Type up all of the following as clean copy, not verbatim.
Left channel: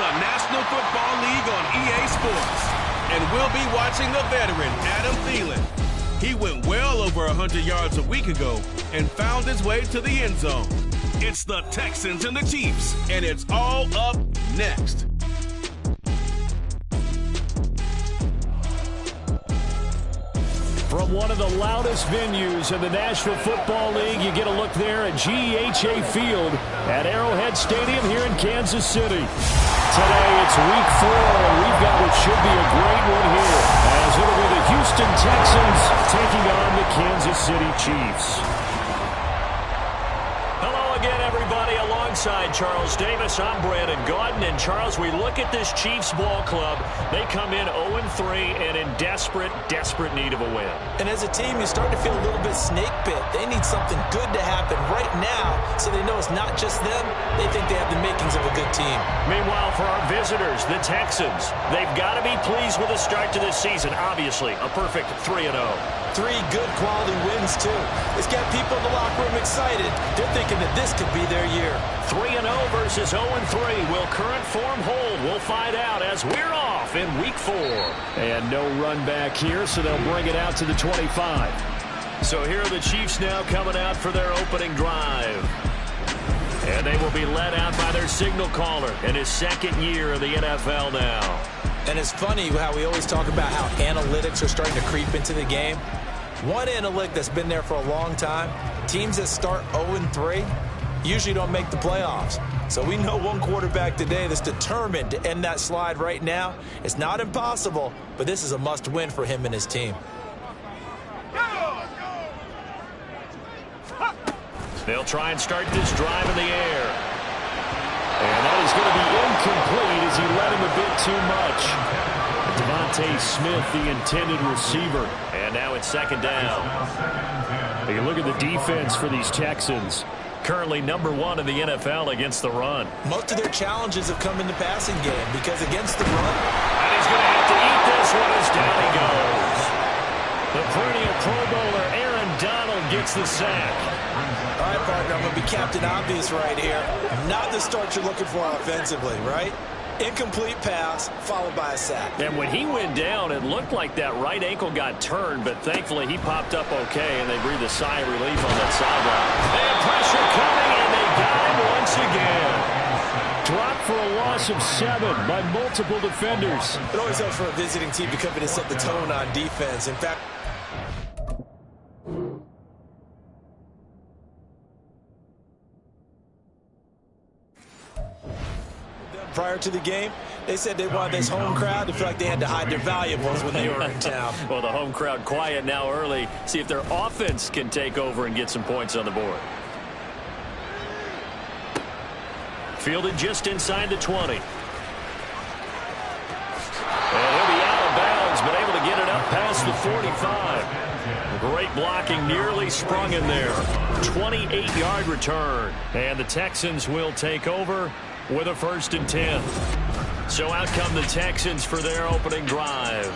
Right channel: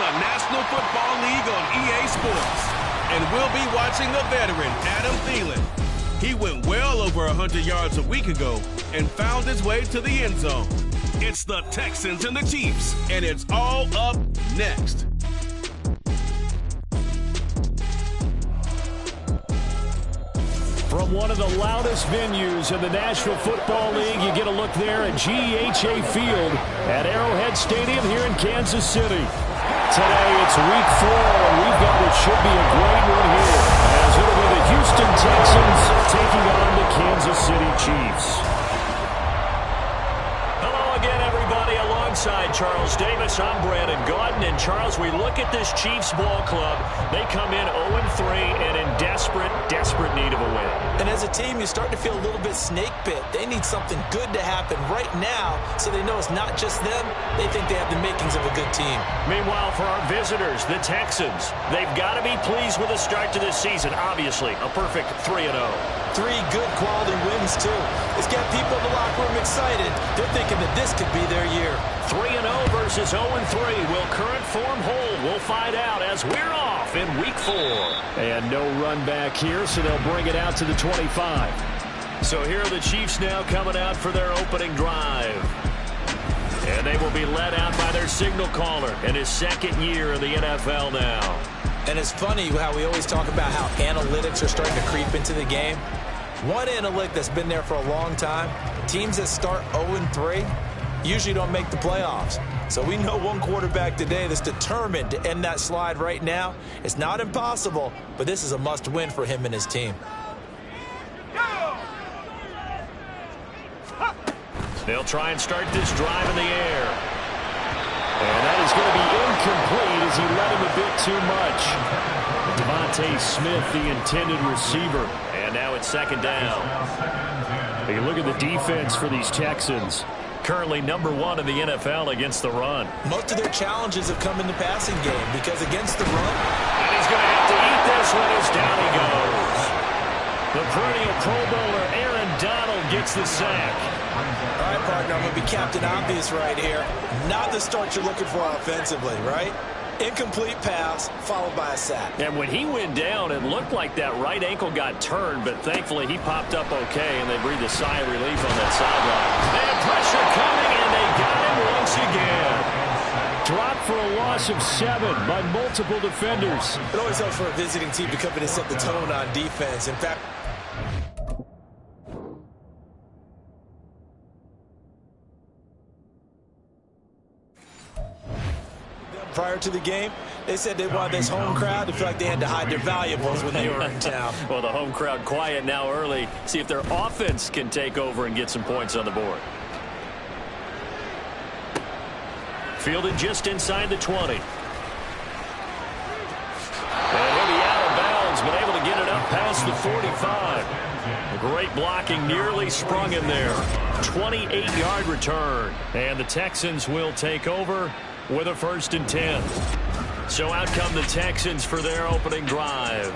the National Football League on EA Sports. And we'll be watching the veteran, Adam Thielen. He went well over 100 yards a week ago and found his way to the end zone. It's the Texans and the Chiefs, and it's all up next. From one of the loudest venues in the National Football League, you get a look there at GEHA Field at Arrowhead Stadium here in Kansas City. Today it's week 4, and we've got what should be a great one here, as it'll be the Houston Texans taking on the Kansas City Chiefs. Hello again, everybody. Alongside Charles Davis, I'm Brandon Gaudin. And Charles, we look at this Chiefs ball club. They come in 0-3 and in desperate need of a win. And as a team, you start to feel a little bit snake bit. They need something good to happen right now so they know it's not just them. They think they have the makings of a good team. Meanwhile, for our visitors, the Texans, they've got to be pleased with the start to this season. Obviously, a perfect 3-0. 3 good quality wins, too. It's got people in the locker room excited. They're thinking that this could be their year. 3-0 versus 0-3. Will current form hold? We'll find out as we're off in week 4. And no run back here, so they'll bring it out to the 25. So here are the Chiefs now coming out for their opening drive. And they will be led out by their signal caller in his second year in the NFL now. And it's funny how we always talk about how analytics are starting to creep into the game. One analytic that's been there for a long time, teams that start 0-3 usually don't make the playoffs. So we know one quarterback today that's determined to end that slide right now. It's not impossible, but this is a must-win for him and his team. They'll try and start this drive in the air. And that is going to be incomplete as he led him a bit too much. Devontae Smith, the intended receiver. And now it's second down. You look at the defense for these Texans. Currently number 1 in the NFL against the run. Most of their challenges have come in the passing game because against the run. And he's going to have to eat this one as down he goes. The perennial Pro Bowler Aaron Donald gets the sack. All right, partner, I'm going to be Captain Obvious right here. Not the start you're looking for offensively, right? Incomplete pass followed by a sack. And when he went down, it looked like that right ankle got turned, but thankfully he popped up okay, and they breathed a sigh of relief on that sideline. They had pressure coming, and they got him once again. Dropped for a loss of 7 by multiple defenders. It always helps for a visiting team to come in and set the tone on defense. In fact, prior to the game, they said they wanted this home crowd to feel like they had to hide their valuables when they were in town. Well, the home crowd quiet now early. See if their offense can take over and get some points on the board. Fielded just inside the 20. And he'll be out of bounds, but able to get it up past the 45. Great blocking, nearly sprung in there. 28-yard return. And the Texans will take over with a 1st and 10. So out come the Texans for their opening drive.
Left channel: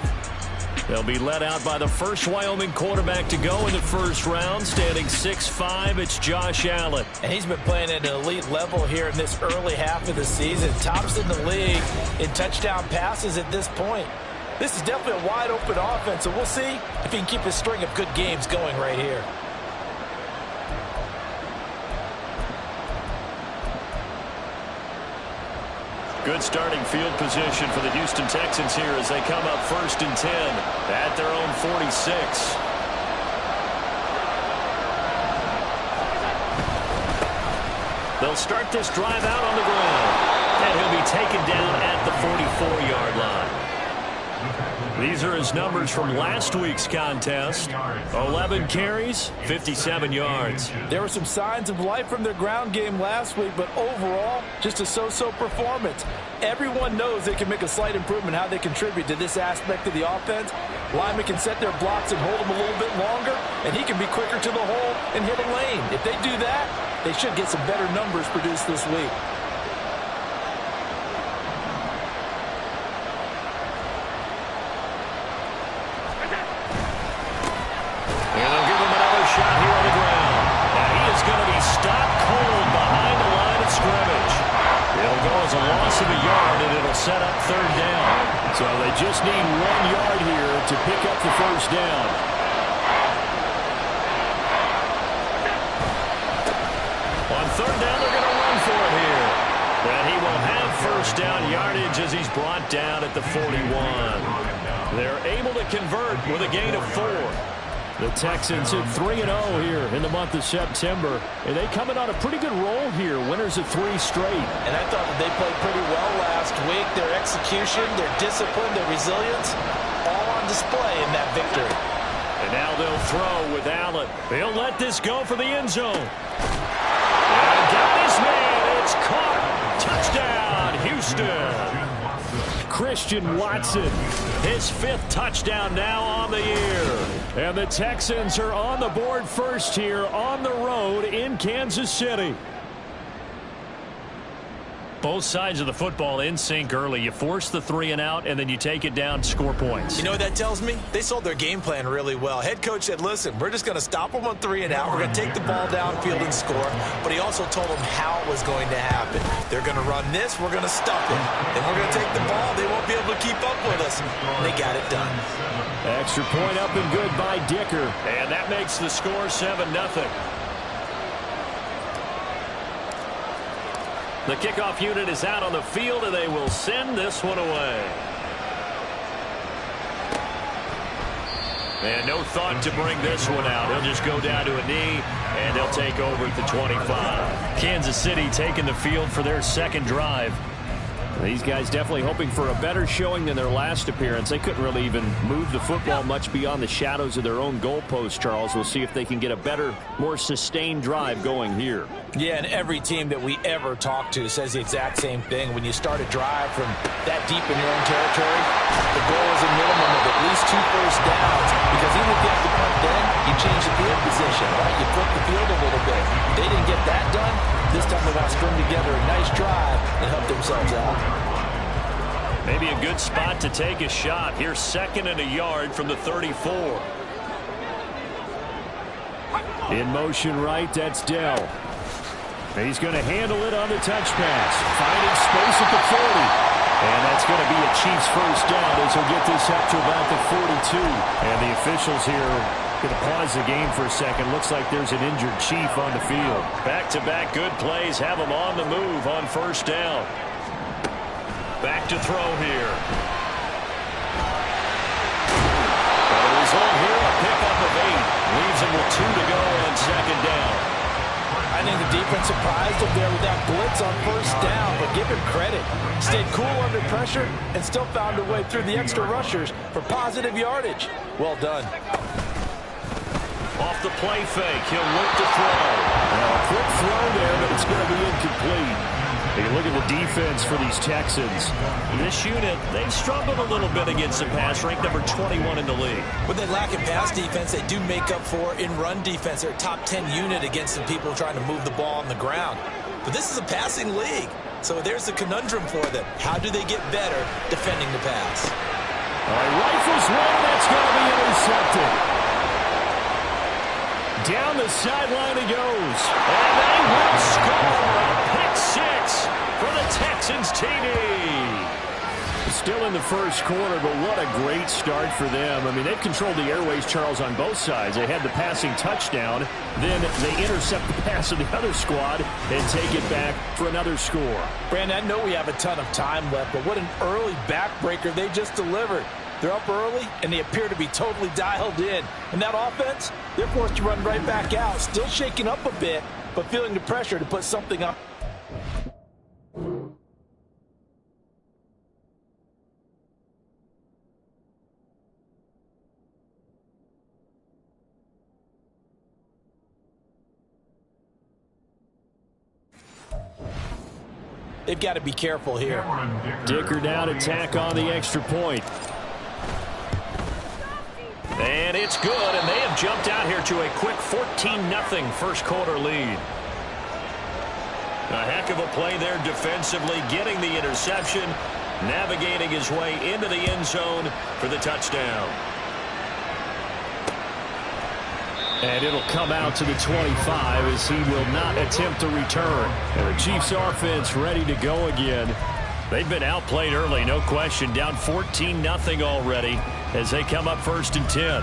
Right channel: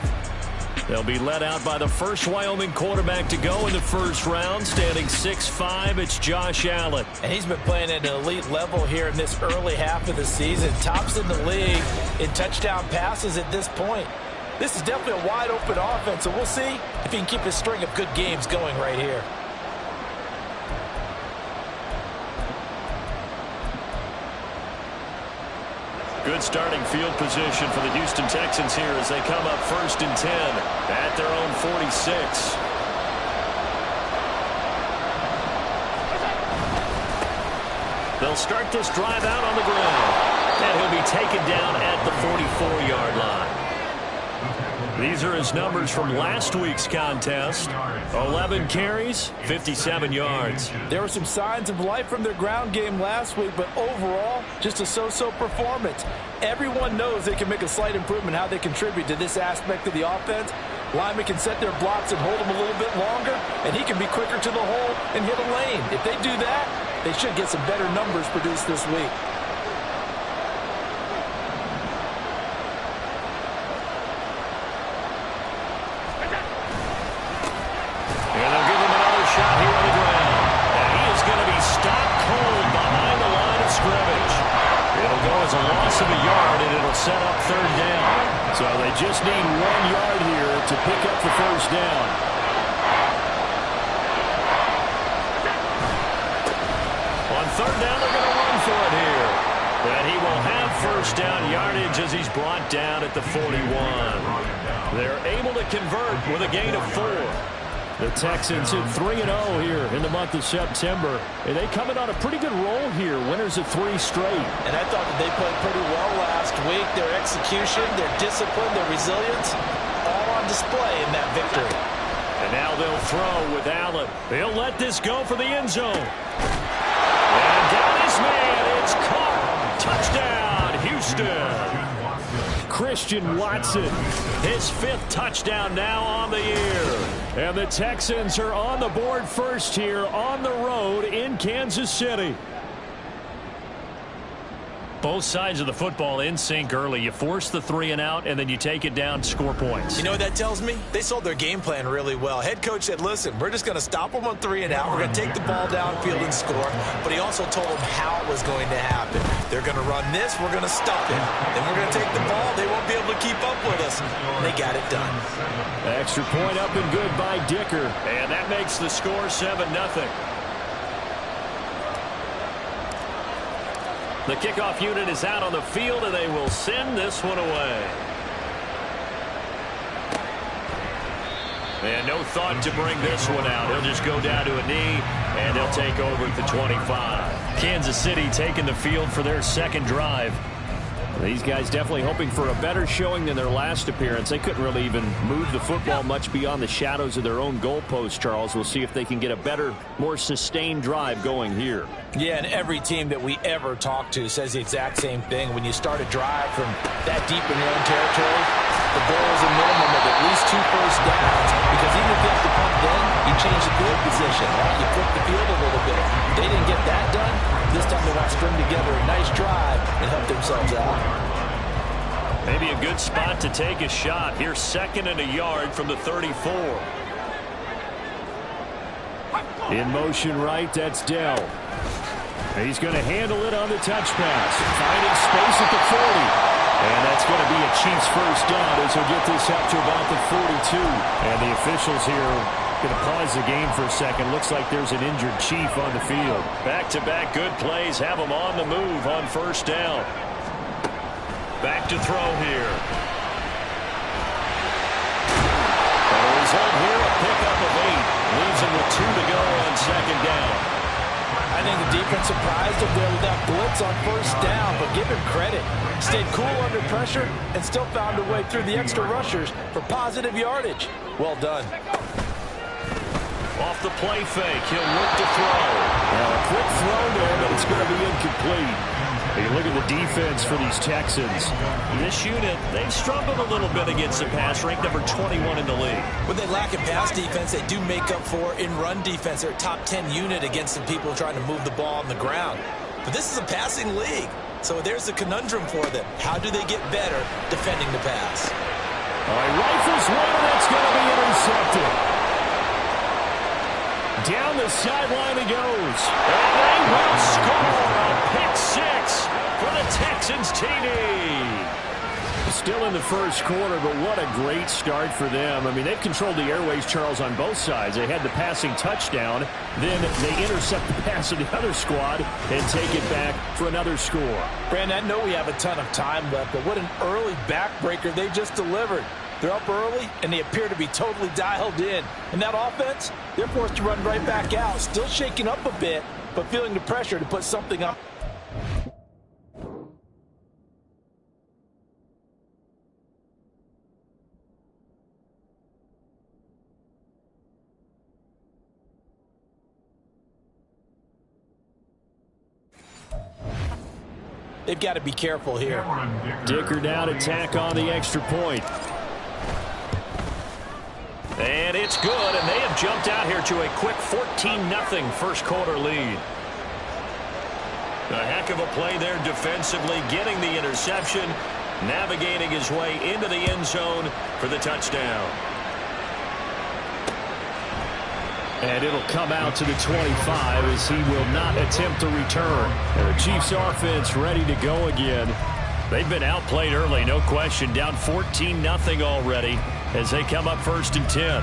They'll be led out by the first Wyoming quarterback to go in the first round, standing 6'5". It's Josh Allen. And he's been playing at an elite level here in this early half of the season. Tops in the league in touchdown passes at this point. This is definitely a wide-open offense, so we'll see if he can keep his string of good games going right here. Good starting field position for the Houston Texans here as they come up 1st and 10 at their own 46. They'll start this drive out on the ground, and he'll be taken down at the 44-yard line. These are his numbers from last week's contest. 11 carries, 57 yards. There were some signs of life from their ground game last week, but overall, just a so-so performance. Everyone knows they can make a slight improvement how they contribute to this aspect of the offense. Linemen can set their blocks and hold them a little bit longer, and he can be quicker to the hole and hit a lane. If they do that, they should get some better numbers produced this week. And they'll give him another shot here on the ground. Now he is going to be stopped cold behind the line of scrimmage. It'll go draws a loss of a yard, and it'll set up third down. So they just need 1 yard here to pick up the first down. On third down, they're going to run for it here. And he will have first down yardage as he's brought down at the 41. They're able to convert with a gain of 4. The Texans hit 3-0 here in the month of September. And they come in on a pretty good roll here. Winners of 3 straight. And I thought that they played pretty well last week. Their execution, their discipline, their resilience, all on display in that victory. And now they'll throw with Allen. He'll let this go for the end zone. And got his man. It's caught. Touchdown, Houston. Christian Watson, his 5th touchdown now on the year. And the Texans are on the board first here on the road in Kansas City. Both sides of the football in sync early. You force the 3 and out, and then you take it down, score points. You know what that tells me? They sold their game plan really well. Head coach said, listen, we're just going to stop them on 3 and out. We're going to take the ball downfield and score. But he also told them how it was going to happen. They're going to run this. We're going to stop it. Then we're going to take the ball. They won't be able to keep up with us. And they got it done. Extra point up and good by Dicker. And that makes the score 7-0. The kickoff unit is out on the field, and they will send this one away. And no thought to bring this one out. He'll just go down to a knee, and they'll take over at the 25. Kansas City taking the field for their second drive. These guys definitely hoping for a better showing than their last appearance. They couldn't really even move the football much beyond the shadows of their own goalpost, Charles. We'll see if they can get a better, more sustained drive going here. Yeah, and every team that we ever talk to says the exact same thing. When you start a drive from that deep in your own territory, the goal is a minimum of at least 2 first downs, because even if you have to punt then, you change the field position, right? You flip the field a little bit. They didn't get that done. This time they want to string together a nice drive and help themselves out. Maybe a good spot to take a shot. Here's 2nd and a yard from the 34. In motion right, that's Dell. He's going to handle it on the touch pass. Finding space at the 40. And that's going to be a Chiefs first down as he'll get this up to about the 42. And the officials here going to pause the game for a second. Looks like there's an injured Chief on the field. Back-to-back good plays have him on the move on first down. Back to throw here. And a result here, a pickup of 8. Leaves him with 2 to go on second down. I think the defense surprised him there with that blitz on first down, but give him credit. Stayed cool under pressure and still found a way through the extra rushers for positive yardage. Well done. Off the play fake, he'll look to throw. Now a quick throw there, but it's going to be incomplete. You look at the defense for these Texans. This unit, they've struggled a little bit against the pass, ranked number 21 in the league. When they lack in pass defense, they do make up for in run defense. They're a top 10 unit against the people trying to move the ball on the ground. But this is a passing league, so there's a conundrum for them. How do they get better defending the pass? All right, rifles one, and that's going to be intercepted. Down the sideline he goes. And they will score a pick 6 for the Texans TD. Still in the first quarter, but what a great start for them. I mean, they've controlled the airways, Charles, on both sides. They had the passing touchdown. Then they intercept the pass of the other squad and take it back for another score. Brandon, I know we have a ton of time left, but what an early backbreaker they just delivered. They're up early, and they appear to be totally dialed in. And that offense, they're forced to run right back out. Still shaking up a bit, but feeling the pressure to put something up. They've got to be careful here. Dicker down, attack on the extra point. And it's good, and they have jumped out here to a quick 14-0 first quarter lead. A heck of a play there defensively, getting the interception, navigating his way into the end zone for the touchdown. And it'll come out to the 25 as he will not attempt to return. And the Chiefs offense ready to go again. They've been outplayed early, no question. Down 14-0 already as they come up 1st and 10.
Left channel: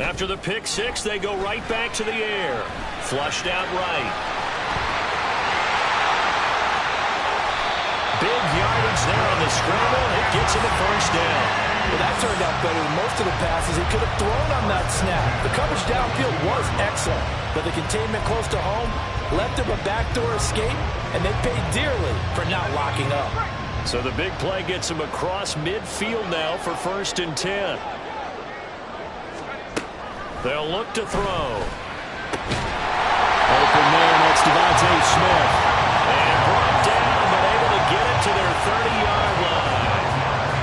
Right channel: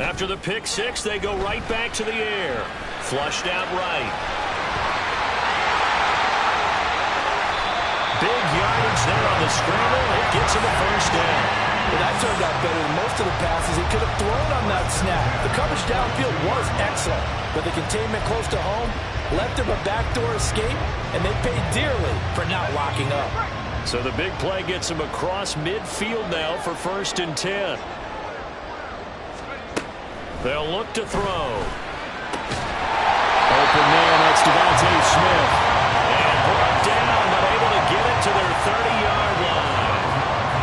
After the pick six, they go right back to the air. Flushed out right. Big yardage there on the scramble. It gets him a 1st down. Well, that turned out better than most of the passes he could have thrown on that snap. The coverage downfield was excellent, but the containment close to home left him a backdoor escape, and they paid dearly for not locking up. So the big play gets him across midfield now for 1st and 10. They'll look to throw. Open there, that's Devontae Smith. And brought down, but able to get it to their 30-yard line.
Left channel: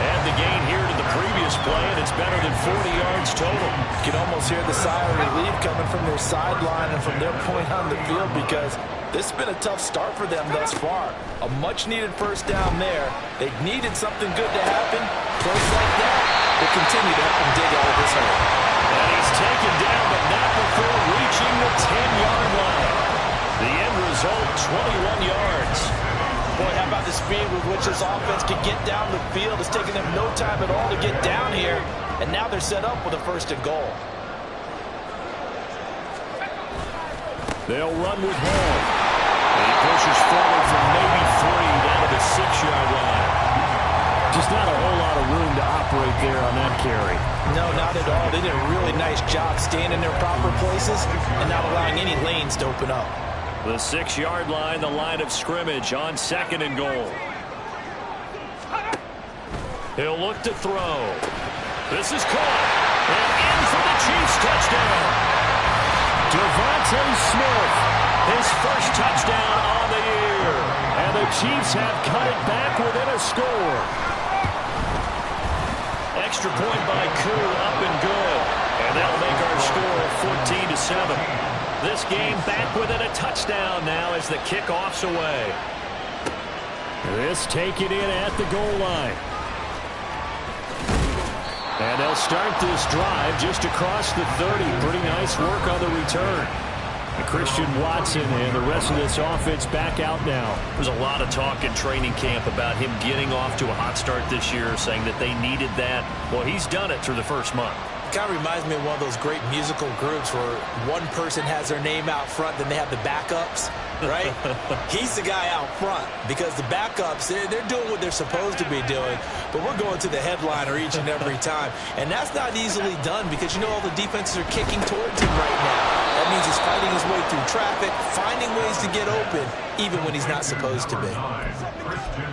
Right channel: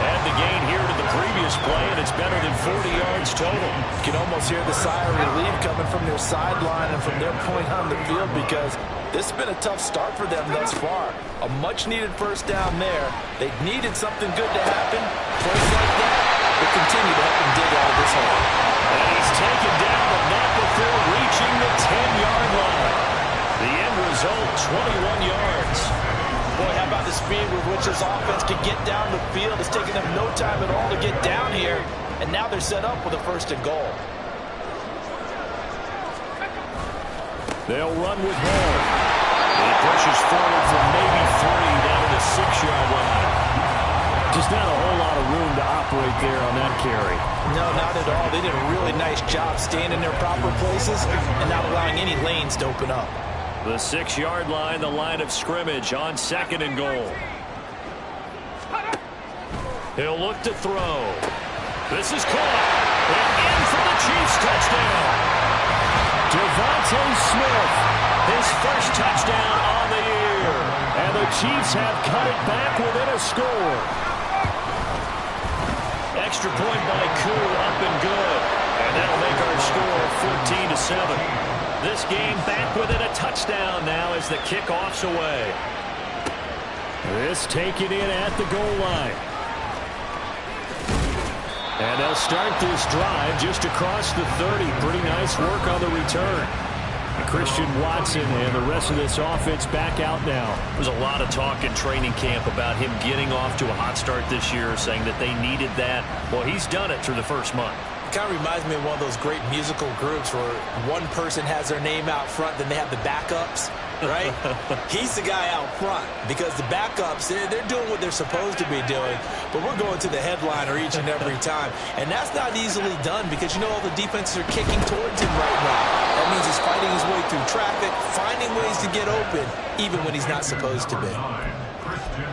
Add the gain here to the previous play, and it's better than 40 yards total. You can almost hear the sigh of relief coming from their sideline and from their point on the field, because this has been a tough start for them thus far. A much-needed 1st down there. They needed something good to happen. Plays like that will continue to help them dig out of this hole. And he's taken down, but not before reaching the 10-yard line. The end result, 21 yards. Boy, how about the speed with which this offense can get down the field? It's taken them no time at all to get down here, and now they're set up with a 1st and goal. They'll run with Hall. He pushes forward from maybe 3 down to the 6-yard line. Just not a whole lot of room to operate there on that carry. No, not at all. They did a really nice job staying in their proper places and not allowing any lanes to open up. The 6-yard line, the line of scrimmage on 2nd and goal. He'll look to throw. This is caught. And in for the Chiefs touchdown. Devontae Smith, his 1st touchdown on the year. And the Chiefs have cut it back within a score. Extra point by Koo, up and good. And that'll make our score 14-7. This game back within a touchdown now as the kickoff's away. This taken in at the goal line. And they'll start this drive just across the 30. Pretty nice work on the return. And Christian Watson and the rest of this offense back out now. There's a lot of talk in training camp about him getting off to a hot start this year, saying that they needed that. Well, he's done it through the first month. It kind of reminds me of one of those great musical groups where one person has their name out front, then they have the backups, right? He's the guy out front because the backups, they're doing what they're supposed to be doing, but we're going to the headliner each and every time. And that's not easily done because, you know, all the defenses are kicking towards him right now. That means he's fighting his way through traffic, finding ways to get open, even when he's not supposed to be.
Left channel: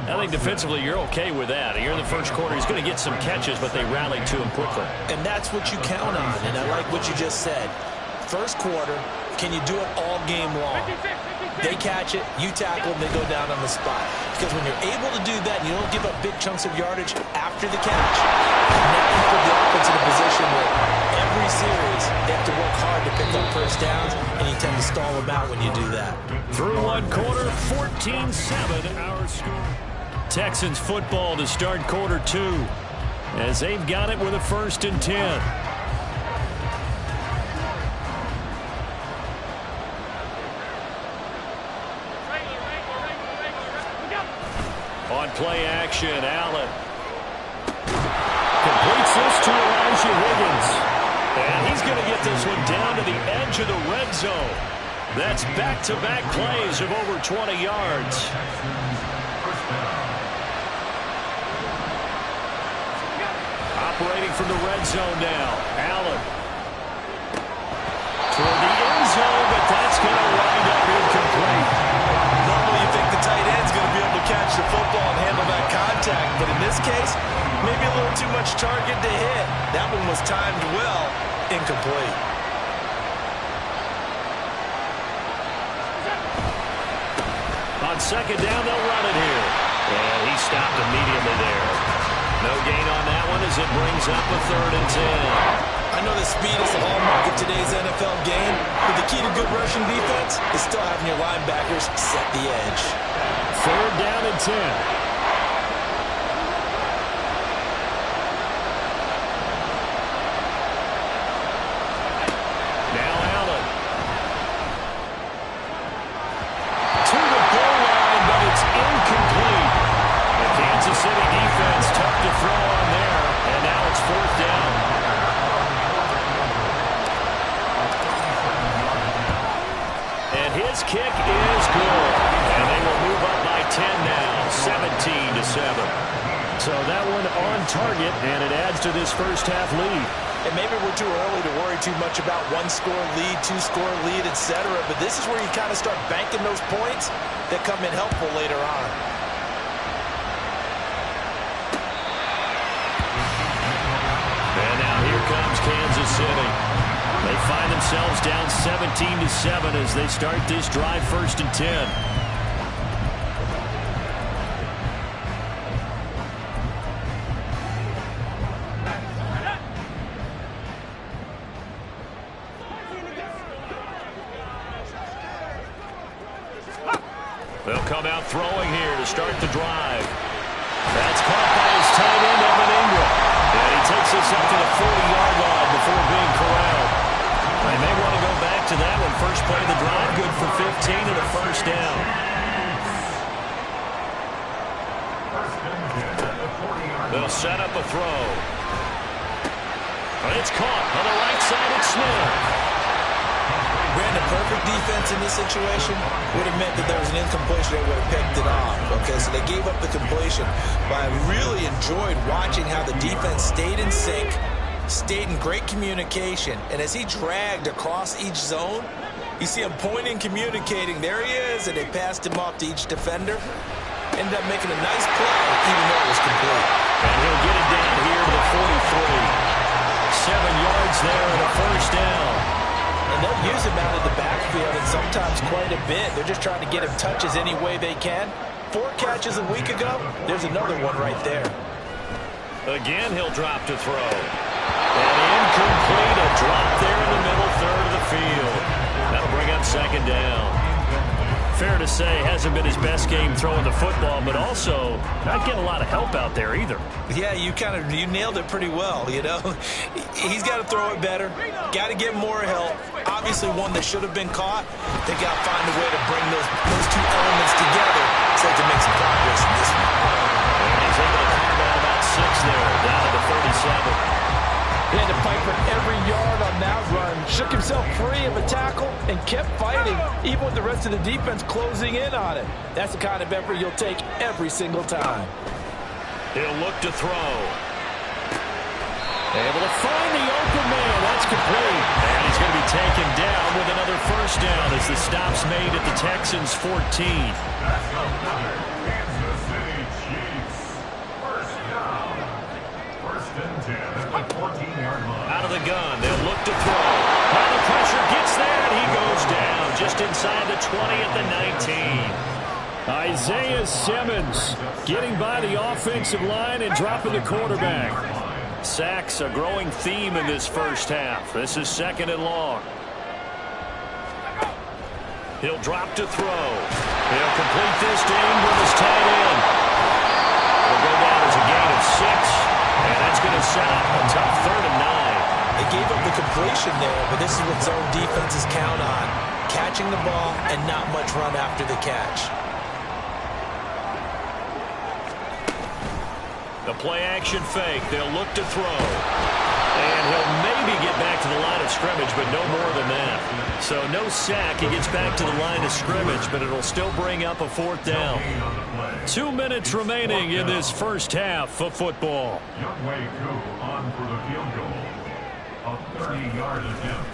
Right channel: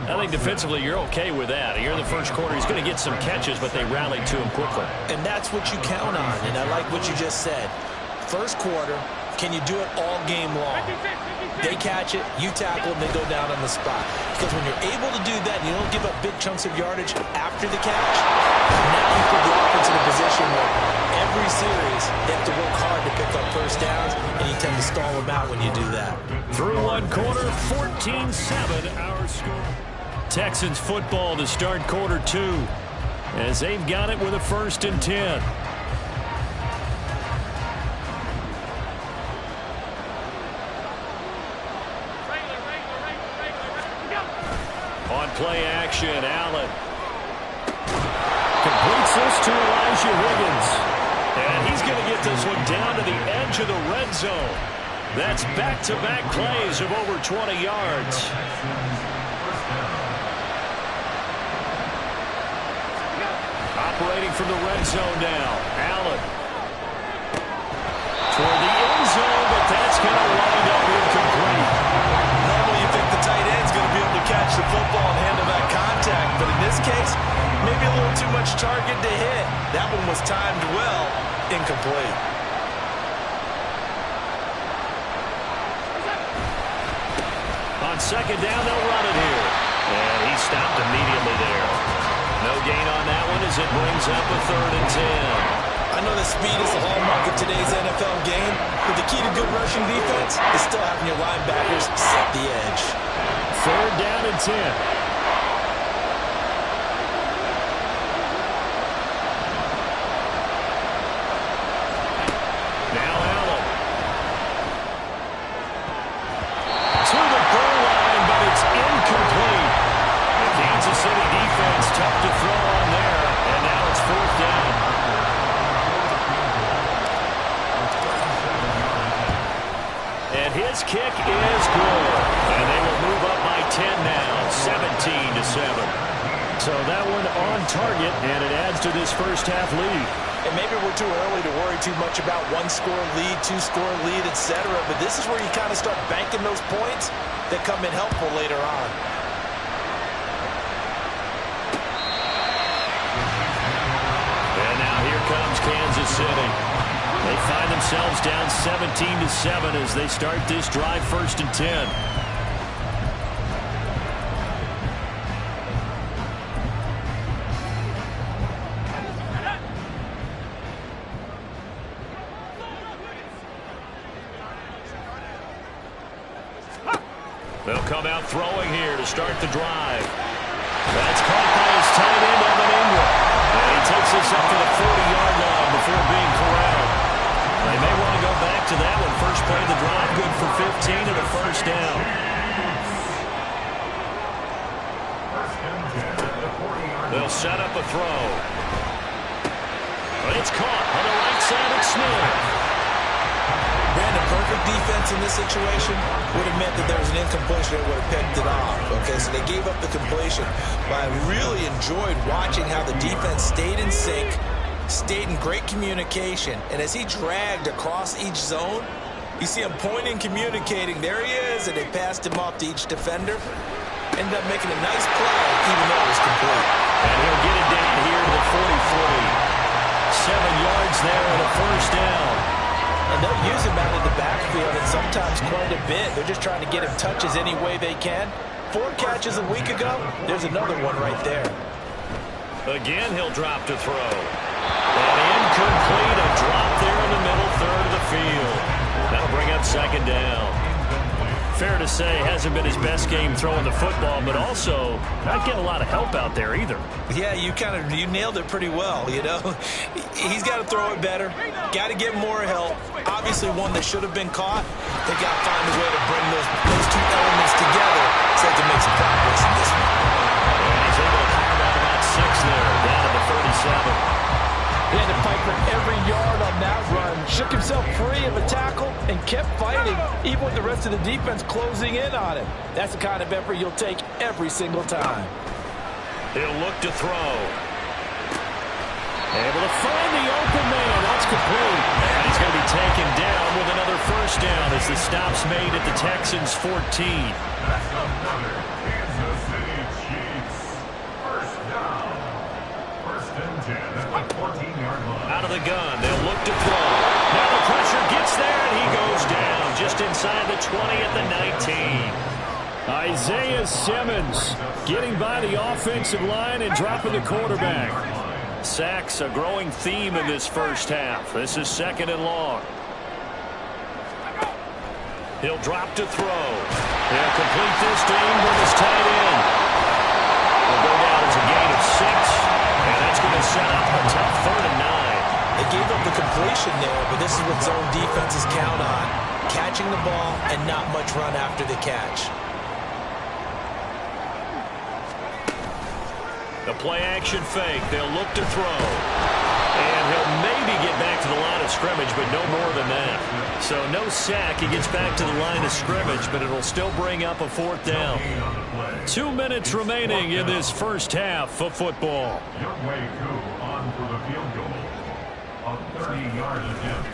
I think defensively you're okay with that. Here in the first quarter, he's going to get some catches, but they rallied to him quickly. And that's what you count on, and I like what you just said. First quarter, can you do it all game long? They catch it, you tackle, and they go down on the spot. Because when you're able to do that, and you don't give up big chunks of yardage after the catch, now you put the offense in a position where every series they have to work hard to pick up 1st downs, and you tend to stall them out when you do that. Through one quarter, 14-7 our score. Texans football to start quarter 2 as they've got it with a 1st and 10. On play action, Allen completes this to Elijah Higgins. And he's going to get this one down to the edge of the red zone. That's back-to-back plays of over 20 yards. Operating from the red zone now, Allen. Toward the end zone, but that's going to wind up incomplete. Normally you think the tight end's going to be able to catch the football and handle that contact, but in this case, maybe a little too much target to hit. That one was timed well, incomplete. On 2nd down, they'll run it here. And he stopped immediately there. No gain on that one as it brings up a 3rd and 10. I I know that speed is the hallmark of today's NFL game, but the key to good rushing defense is still having your linebackers set the edge. 3rd down and 10. Incomplete. The Kansas City defense tough to throw on there, and now it's 4th down. And his kick is good, and they will move up by 10 now, 17-7. So that one on target, and it adds to this first half lead. And maybe we're too early to worry too much about 1-score lead, 2-score lead, etc. But this is where you kind of start banking those points that come in helpful later on. And now here comes Kansas City. They find themselves down 17-7 as they start this drive, 1st and 10. They'll come out throwing here to start the drive. That's caught by his tight end, Evan Ingram. And he takes us up to the 40-yard line before being corralled. They may want to go back to that one. First play of the drive, good for 15 and a 1st down. They'll set up a throw. It's caught on the right side of Smith. Brandon, perfect defense in this situation would have meant that there was an incompletion. They would have picked it off. Okay, so they gave up the completion. But I really enjoyed watching how the defense stayed in sync, stayed in great communication. And as he dragged across each zone, you see him pointing, communicating. There he is, and they passed him off to each defender. Ended up making a nice play, even though it was complete. And he'll get it down here to the 43. 7 yards there and a 1st down. And they'll use him out of the backfield, and sometimes quite a bit. They're just trying to get him touches any way they can. 4 catches a week ago. There's another one right there. Again, he'll drop to throw. And incomplete. A drop there in the middle third of the field. That'll bring up 2nd down. Fair to say, hasn't been his best game throwing the football, but also not getting a lot of help out there either. Yeah, you nailed it pretty well, you know. He's got to throw it better. Got to get more help. Obviously one that should have been caught. They got to find a way to bring those 2 elements together so they can make some progress in this one. And he's able to carve out about 6 there, down to the 37. He had to fight for every yard on that run. Shook himself free of a tackle and kept fighting, even with the rest of the defense closing in on him. That's the kind of effort you'll take every single time. He'll look to throw. Able to find the open man. That's complete. And he's going to be taken down with another 1st down as the stop's made at the Texans' 14. That's another Kansas City Chiefs. 1st down. 1st and 10 at the 14-yard line. Out of the gun, they'll look to throw. Now the pressure gets there, and he goes down just inside the 20 at the 19. Isaiah Simmons getting by the offensive line and dropping the quarterback. Sacks a growing theme in this first half. This is 2nd and long. He'll drop to throw. He'll complete this to Ingram as tight end. Will go down as a gain of 6, and that's going to set up a tough 3rd and 9. They gave up the completion there, but this is what zone defenses count on. Catching the ball and not much run after the catch. The play-action fake. They'll look to throw. And he'll maybe get back to the line of scrimmage, but no more than that. So no sack. He gets back to the line of scrimmage, but it'll still bring up a 4th down. 2 minutes remaining in this first half of football. Youngway Koo on for the field goal. A 30-yard attempt.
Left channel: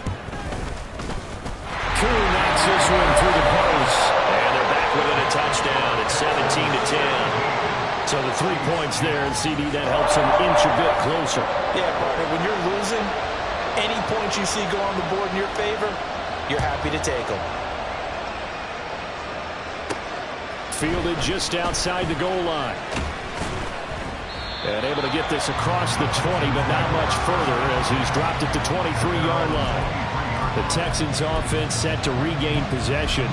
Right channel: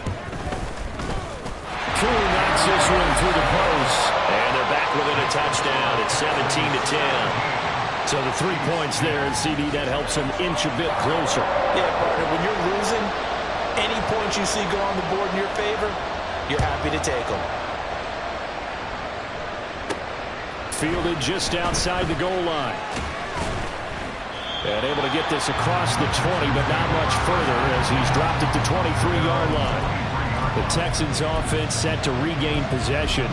Koo knocks this one through the post. And they're back within a touchdown. It's 17-10. So the 3 points there, and CD, that helps him inch a bit closer. Yeah, partner, when you're losing, any points you see go on the board in your favor, you're happy to take them. Fielded just outside the goal line. And able to get this across the 20, but not much further as he's dropped it to 23-yard line. The Texans offense set to regain possession.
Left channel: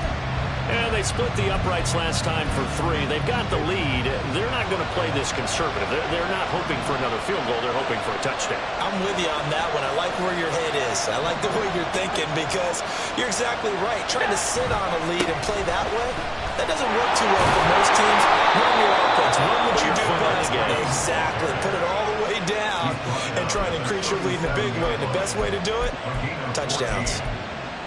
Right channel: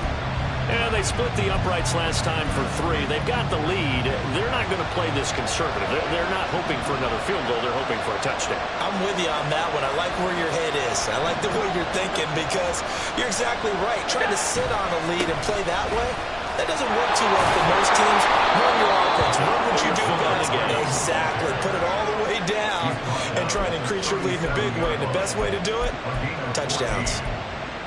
And they split the uprights last time for 3. They've got the lead. They're not going to play this conservative. They're not hoping for another field goal. They're hoping for a touchdown. I'm with you on that one. I like where your head is. I like the way you're thinking because you're exactly right. Trying to sit on a lead and play that way, that doesn't work too well for most teams. Run your offense. Run what you do best. Exactly. Put it all the way down and try and increase your lead in a big way. And the best way to do it, touchdowns.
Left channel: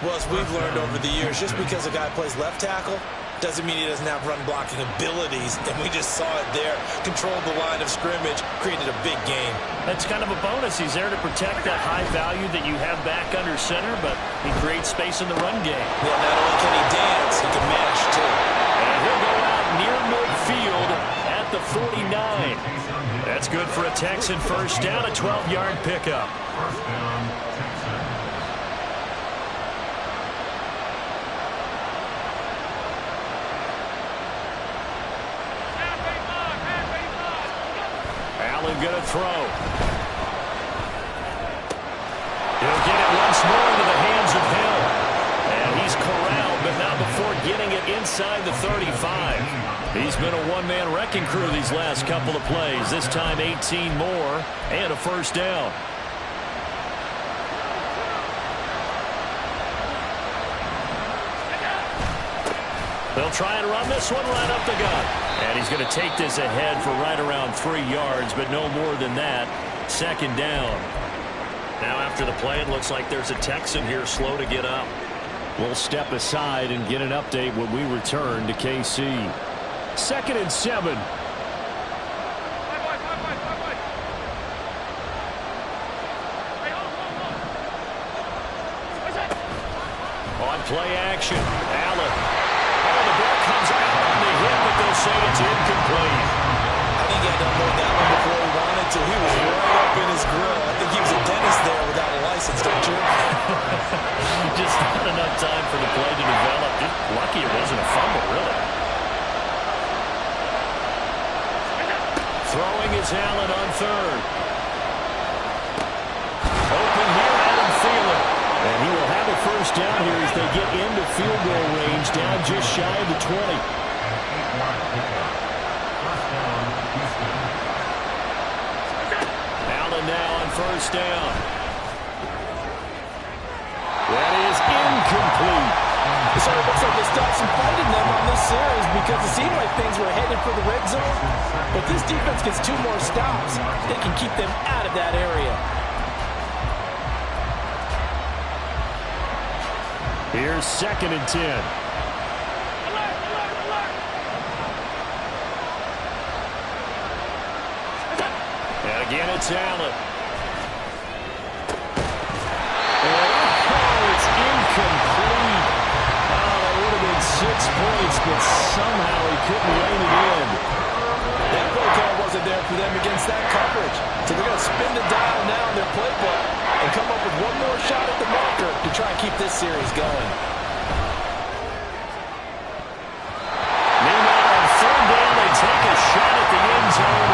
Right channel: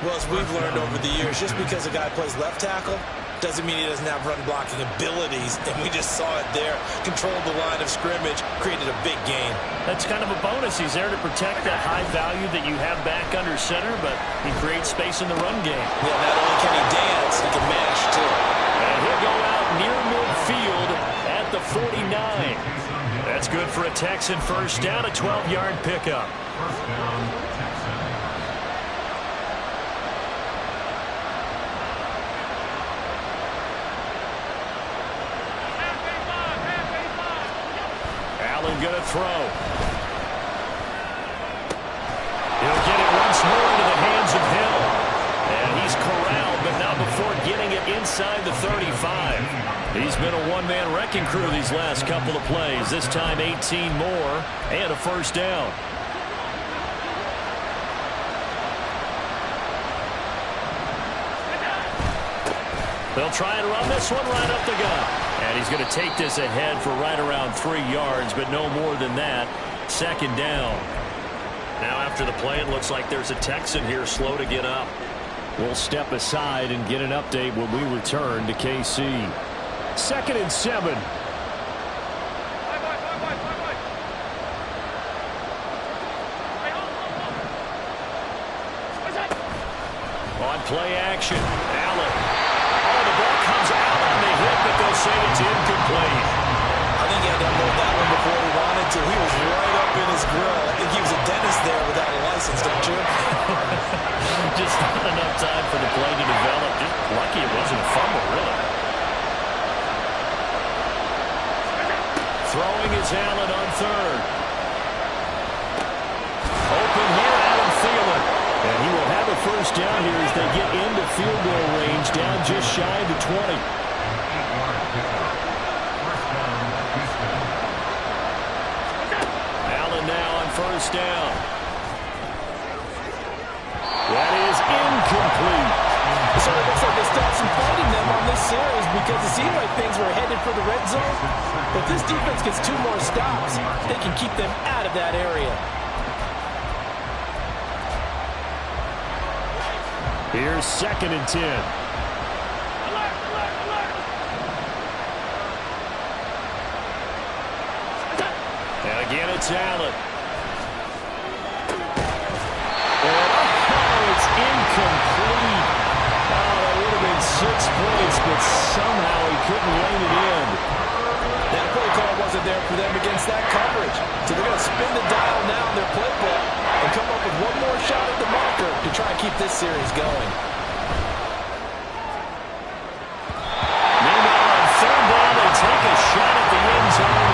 Well, as we've learned over the years, just because a guy plays left tackle doesn't mean he doesn't have run-blocking abilities, and we just saw it there. Controlled the line of scrimmage, created a big gain. That's kind of a bonus. He's there to protect that high value that you have back under center, but he creates space in the run game. Yeah, not only can he dance, he can mash, too. And he'll go out near midfield at the 49. That's good for a Texan first down, a 12-yard pickup. First down, Texans. Allen going to throw. He'll get it once more into the hands of Hill. And he's corralled, but not before getting it inside the 35. He's been a one-man wrecking crew these last couple of plays. This time 18 more and a first down. They'll try and run this one right up the gut. And he's going to take this ahead for right around 3 yards, but no more than that. Second down. Now after the play, it looks like there's a Texan here slow to get up. We'll step aside and get an update when we return to KC. 2nd and 7. On play action, Allen. Oh, the ball comes out on the hit, but they'll say it's incomplete. I think he had to unload that one before he wanted to. He was right up in his grill. I think he was a dentist there without a license, don't you? Just not enough time for the play to develop. Just lucky it wasn't a fumble, really. Throwing is Allen on 3rd. Open here, Adam Thielen. And he will have a first down here as they get into field goal range, down just shy of the 20. An 8-yard pickup. First down, Houston. Allen now on first down. That is incomplete. So it looks like they stopped some fight in them on this series because it seemed like things were headed for the red zone. But this defense gets 2 more stops. They can keep them out of that area. Here's 2nd and 10. Alert, alert, alert. And again, it's Allen. And it's incomplete. Oh, that would have been 6 points, but somehow he couldn't rein it in. That play call wasn't there for them against that coverage. So they're going to spin the dial now in their playbook and come up with one more shot at the marker to try and keep this series going. Meanwhile, on 3rd down, they take a shot at the end zone,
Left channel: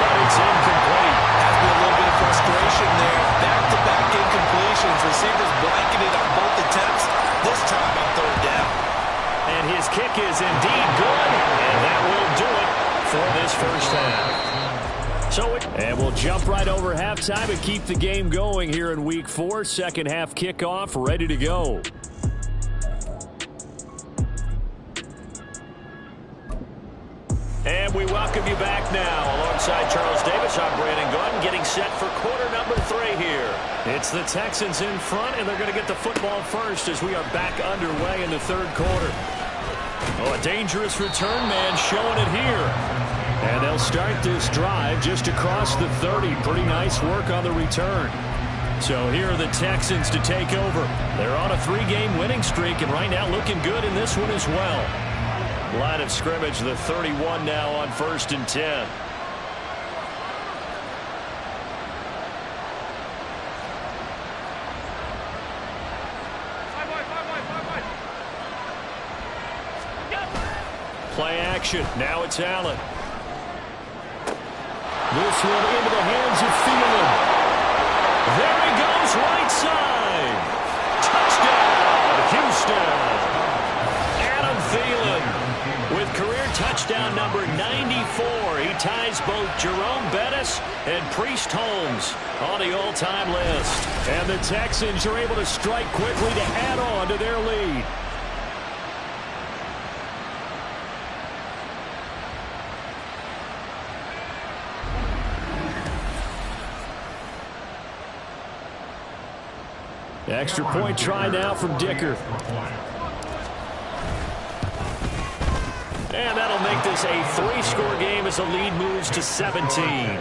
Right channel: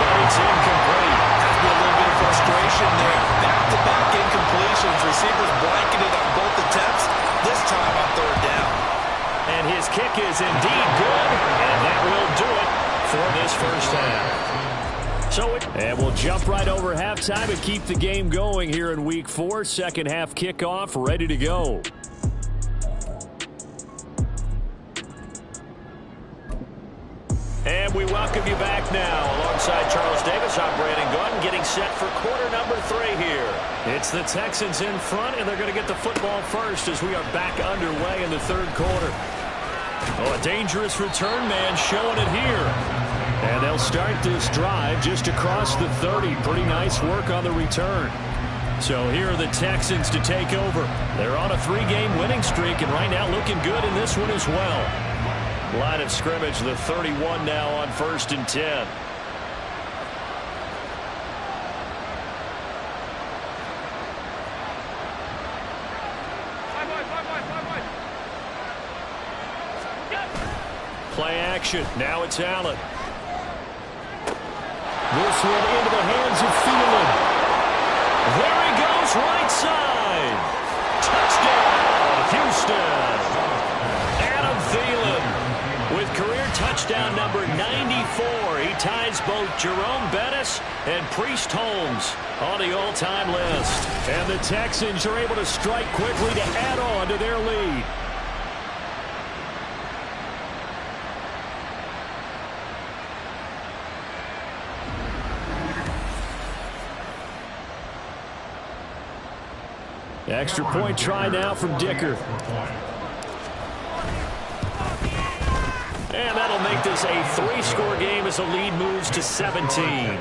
but it's incomplete. Has to be a little bit of frustration there. Back-to-back incompletions. Receivers blanketed on both attempts, this time on 3rd down. And his kick is indeed good, and that will do it for this first half. And we'll jump right over halftime and keep the game going here in Week 4. Second half kickoff, ready to go. And we welcome you back now. Alongside Charles Davis, I'm Brandon Gordon, getting set for quarter number 3 here. It's the Texans in front, and they're going to get the football first as we are back underway in the 3rd quarter. Oh, a dangerous return man showing it here. And they'll start this drive just across the 30. Pretty nice work on the return. So here are the Texans to take over. They're on a 3-game winning streak, and right now looking good in this one as well. Line of scrimmage, the 31 now on 1st and 10. Play action. Now it's Allen. This one into the hands of Thielen. There he goes, right side. Touchdown, Houston. Adam Thielen with career touchdown number 94. He ties both Jerome Bettis and Priest Holmes on the all-time list. And the Texans are able to strike quickly to add on to their lead. Extra point try now from Dicker. And that'll make this a 3-score game as the lead moves to 17.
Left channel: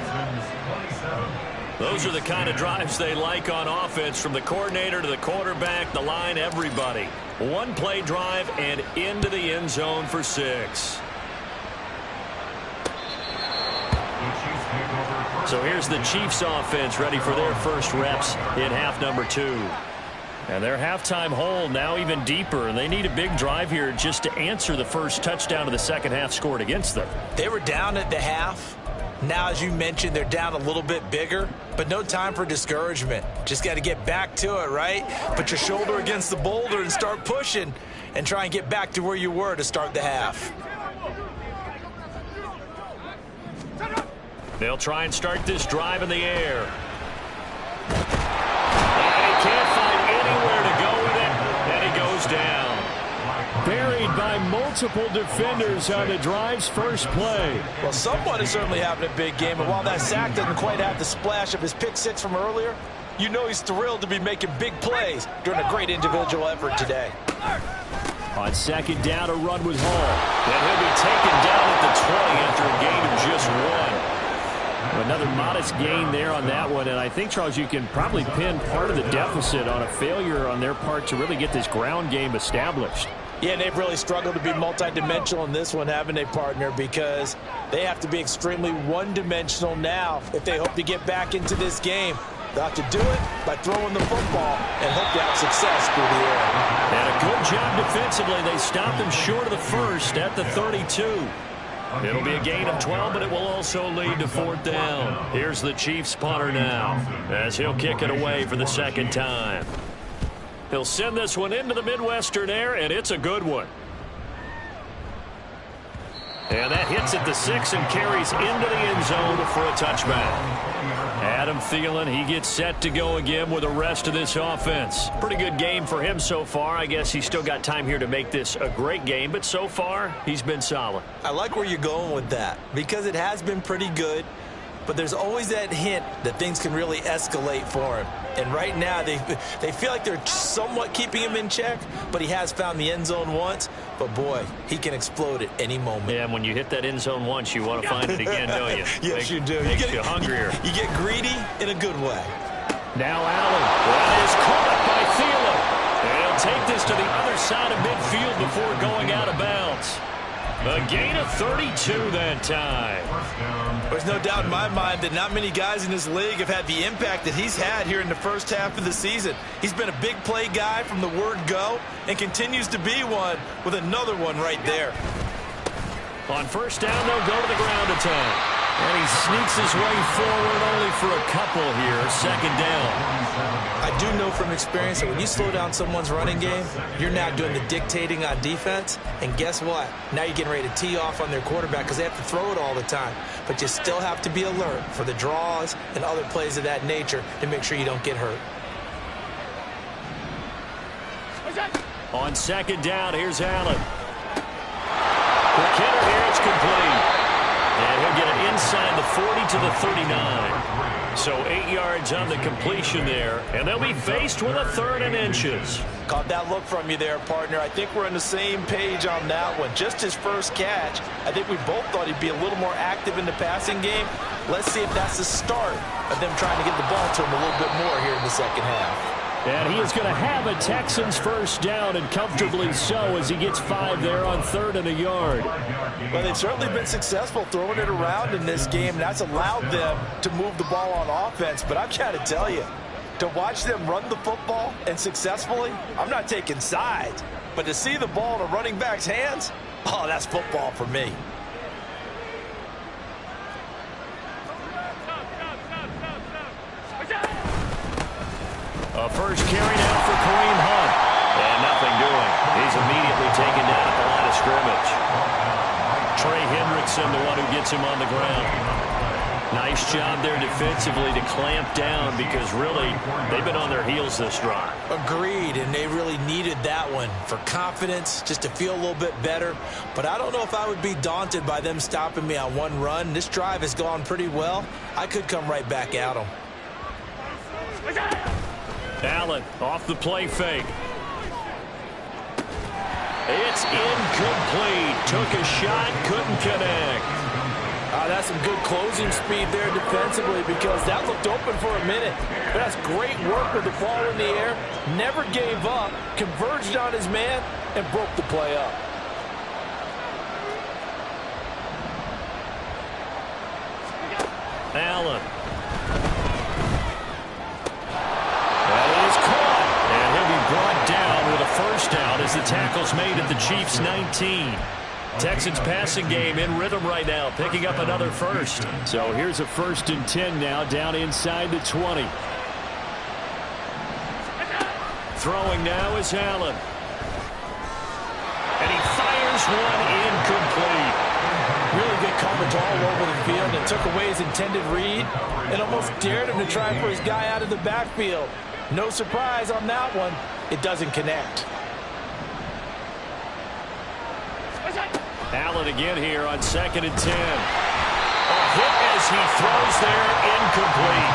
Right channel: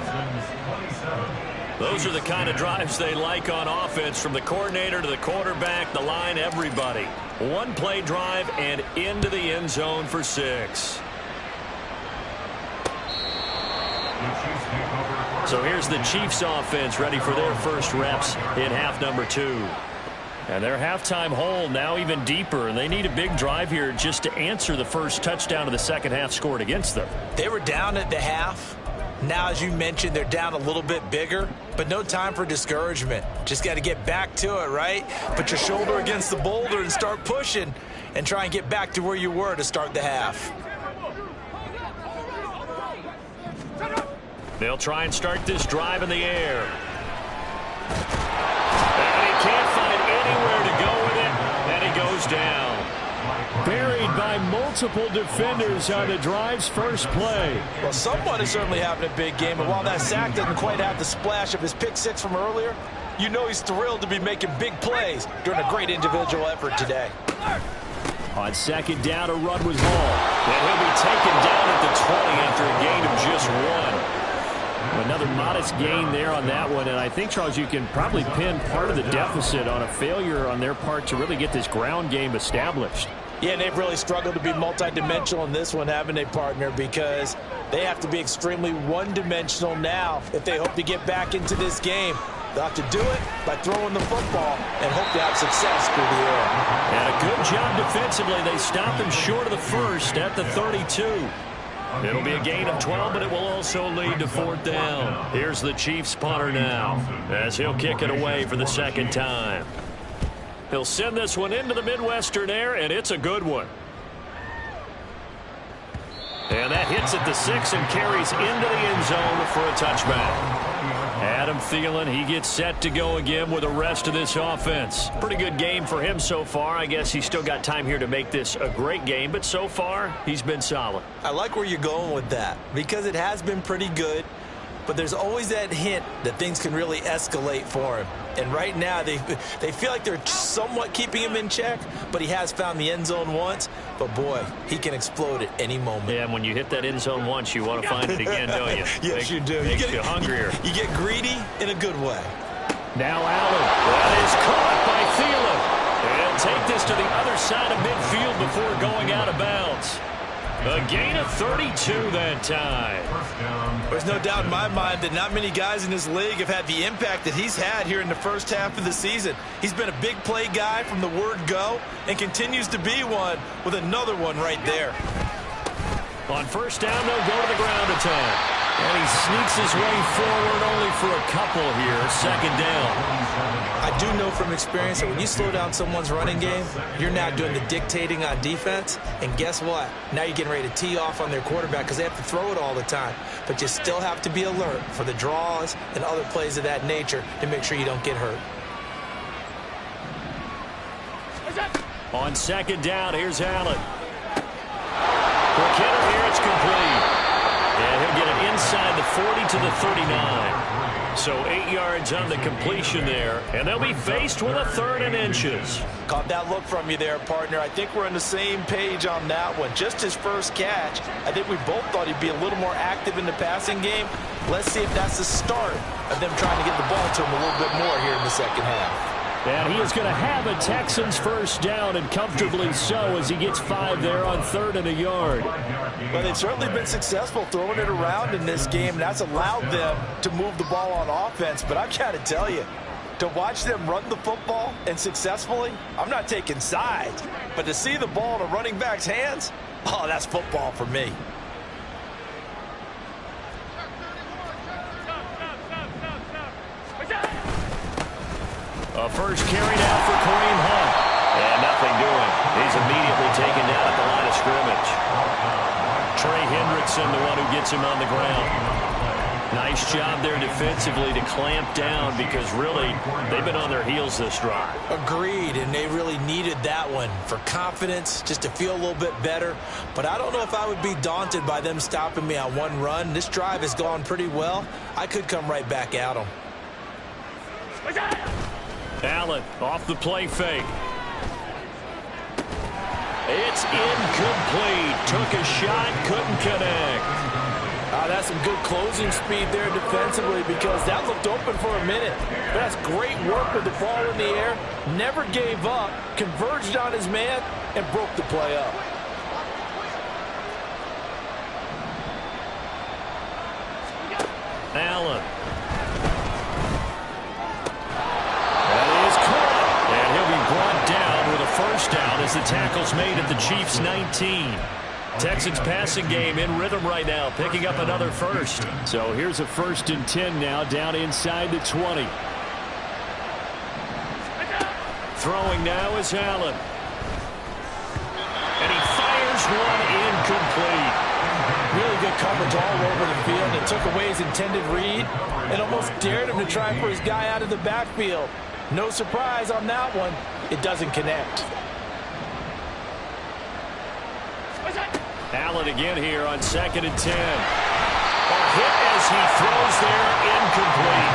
Those are the kind of drives they like on offense, from the coordinator to the quarterback, the line, everybody. One-play drive and into the end zone for 6. So here's the Chiefs offense ready for their first reps in half number 2. And their halftime hole now even deeper, and they need a big drive here just to answer the first touchdown of the second half scored against them. They were down at the half. Now, as you mentioned, they're down a little bit bigger, but no time for discouragement. Just got to get back to it, right? Put your shoulder against the boulder and start pushing and try and get back to where you were to start the half. They'll try and start this drive in the air. And he can't find anywhere to go with it, and he goes down. Buried by multiple defenders on the drive's first play. Well, someone is certainly having a big game, and while that sack doesn't quite have the splash of his pick 6 from earlier, you know he's thrilled to be making big plays during a great individual effort today. On second down, a run with Hall. And he'll be taken down at the 20 after a gain of just 1. Another modest gain there on that one, and I think, Charles, you can probably pin part of the deficit on a failure on their part to really get this ground game established. Yeah, and they've really struggled to be multidimensional in this one, haven't they, partner? Because they have to be extremely one-dimensional now if they hope to get back into this game. They'll have to do it by throwing the football and hope to have success through the air. And a good job defensively. They stopped him short of the first at the 32. It'll be a gain of 12, but it will also lead to 4th down. Here's the Chiefs punter now as he'll kick it away for the second time. He'll send this one into the Midwestern air, and it's a good one. And that hits at the 6 and carries into the end zone for a touchback. Adam Thielen, he gets set to go again with the rest of this offense. Pretty good game for him so far. I guess he's still got time here to make this a great game, but so far, he's been solid. I like where you're going with that because it has been pretty good, but there's always that hint that things can really escalate for him. And right now, they feel like they're somewhat keeping him in check, but he has found the end zone once. But, boy, he can explode at any moment. Yeah, and when you hit that end zone once, you want to find it again, don't you? Yes, you do. Makes you hungrier. You get greedy in a good way. Now Allen. That is caught by Thielen. And he'll take this to the other side of midfield before going out of bounds. A gain of 32 that time. There's no doubt in my mind that not many guys in this league have had the impact that he's had here in the first half of the season. He's been a big play guy from the word go and continues to be one with another one right there. On first down, they'll go to the ground attack. And he sneaks his way forward only for a couple here. Second down. I do know from experience that when you slow down someone's running game, you're now doing the dictating on defense. And guess what? Now you're getting ready to tee off on their quarterback because they have to throw it all the time. But you still have to be alert for the draws and other plays of that nature to make sure you don't get hurt. On second down, here's Allen. For Kidder here, it's complete. And he'll get it inside the 40 to the 39. So 8 yards on the completion there. And they'll be faced with a 3rd and inches. Caught that look from you there, partner. I think we're on the same page on that one. Just his first catch. I think we both thought he'd be a little more active in the passing game. Let's see if that's the start of them trying to get the ball to him a little bit more here in the second half. And he is going to have a Texans first down, and comfortably so, as he gets 5 there on 3rd and a yard. Well, they've certainly been successful throwing it around in this game, and that's allowed them to move the ball on offense. But I've got to tell you, to watch them run the football and successfully, I'm not taking sides. But to see the ball in a running back's hands, oh, that's football for me. first carry now for Kareem Hunt. And nothing doing. He's immediately taken down at the line of scrimmage. Trey Hendrickson, the one who gets him on the ground. Nice job there defensively to clamp down because really they've been on their heels this drive. Agreed, and they really needed that one for confidence, just to feel a little bit better. But I don't know if I would be daunted by them stopping me on one run. This drive has gone pretty well. I could come right back at them. Allen off the play fake. It's incomplete. Took a shot, couldn't connect. That's some good closing speed there defensively because that looked open for a minute. But that's great work with the ball in the air. Never gave up, converged on his man, and broke the play up. Allen. That is caught. And he'll be brought down with a first down as the tackle's made at the Chiefs' 19. Texans passing game in rhythm right now, picking up another first. So here's a 1st and 10 now, down inside the 20. Throwing now is Allen. And he fires one incomplete. Really good coverage all over the field and took away his intended read and almost dared him to try for his guy out of the backfield. No surprise on that one. It doesn't connect. Allen again here on 2nd and 10. A hit as he throws there, incomplete.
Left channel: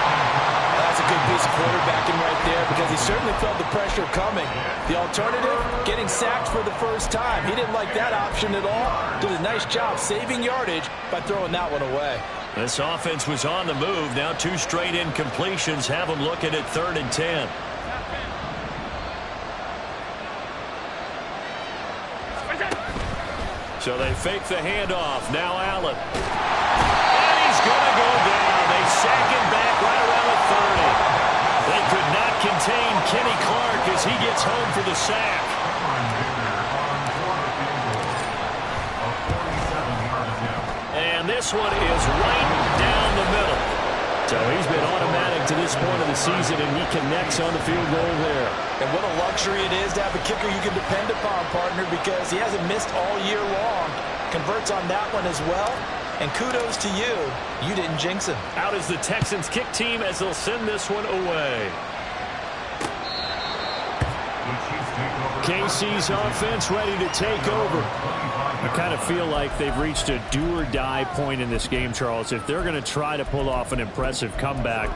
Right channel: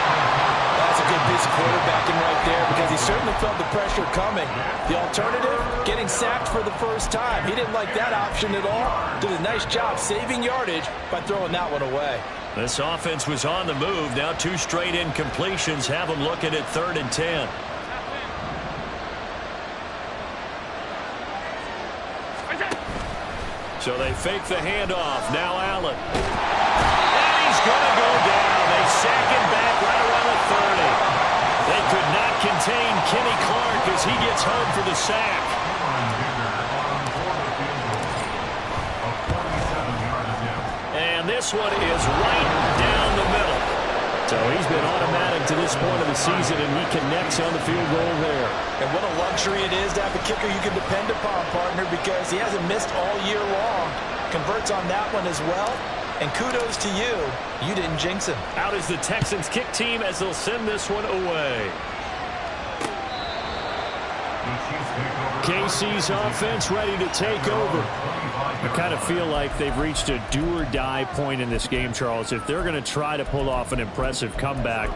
That's a good piece of quarterbacking right there because he certainly felt the pressure coming. The alternative, getting sacked for the first time. He didn't like that option at all. Did a nice job saving yardage by throwing that one away. This offense was on the move. Now 2 straight incompletions have them looking at 3rd and 10. So they fake the handoff. Now Allen. And he's going to go down. They sack him back right around the 30. They could not contain Kenny Clark as he gets home for the sack. And this one is right down the middle. So he's been automatic to this point of the season, and he connects on the field goal there. And what a luxury it is to have a kicker you can depend upon, partner, because he hasn't missed all year long. Converts on that one as well. And kudos to you. You didn't jinx him. Out is the Texans kick team as they'll send this one away. KC's offense ready to take over. I kind of feel like they've reached a do-or-die point in this game, Charles. If they're going to try to pull off an impressive comeback,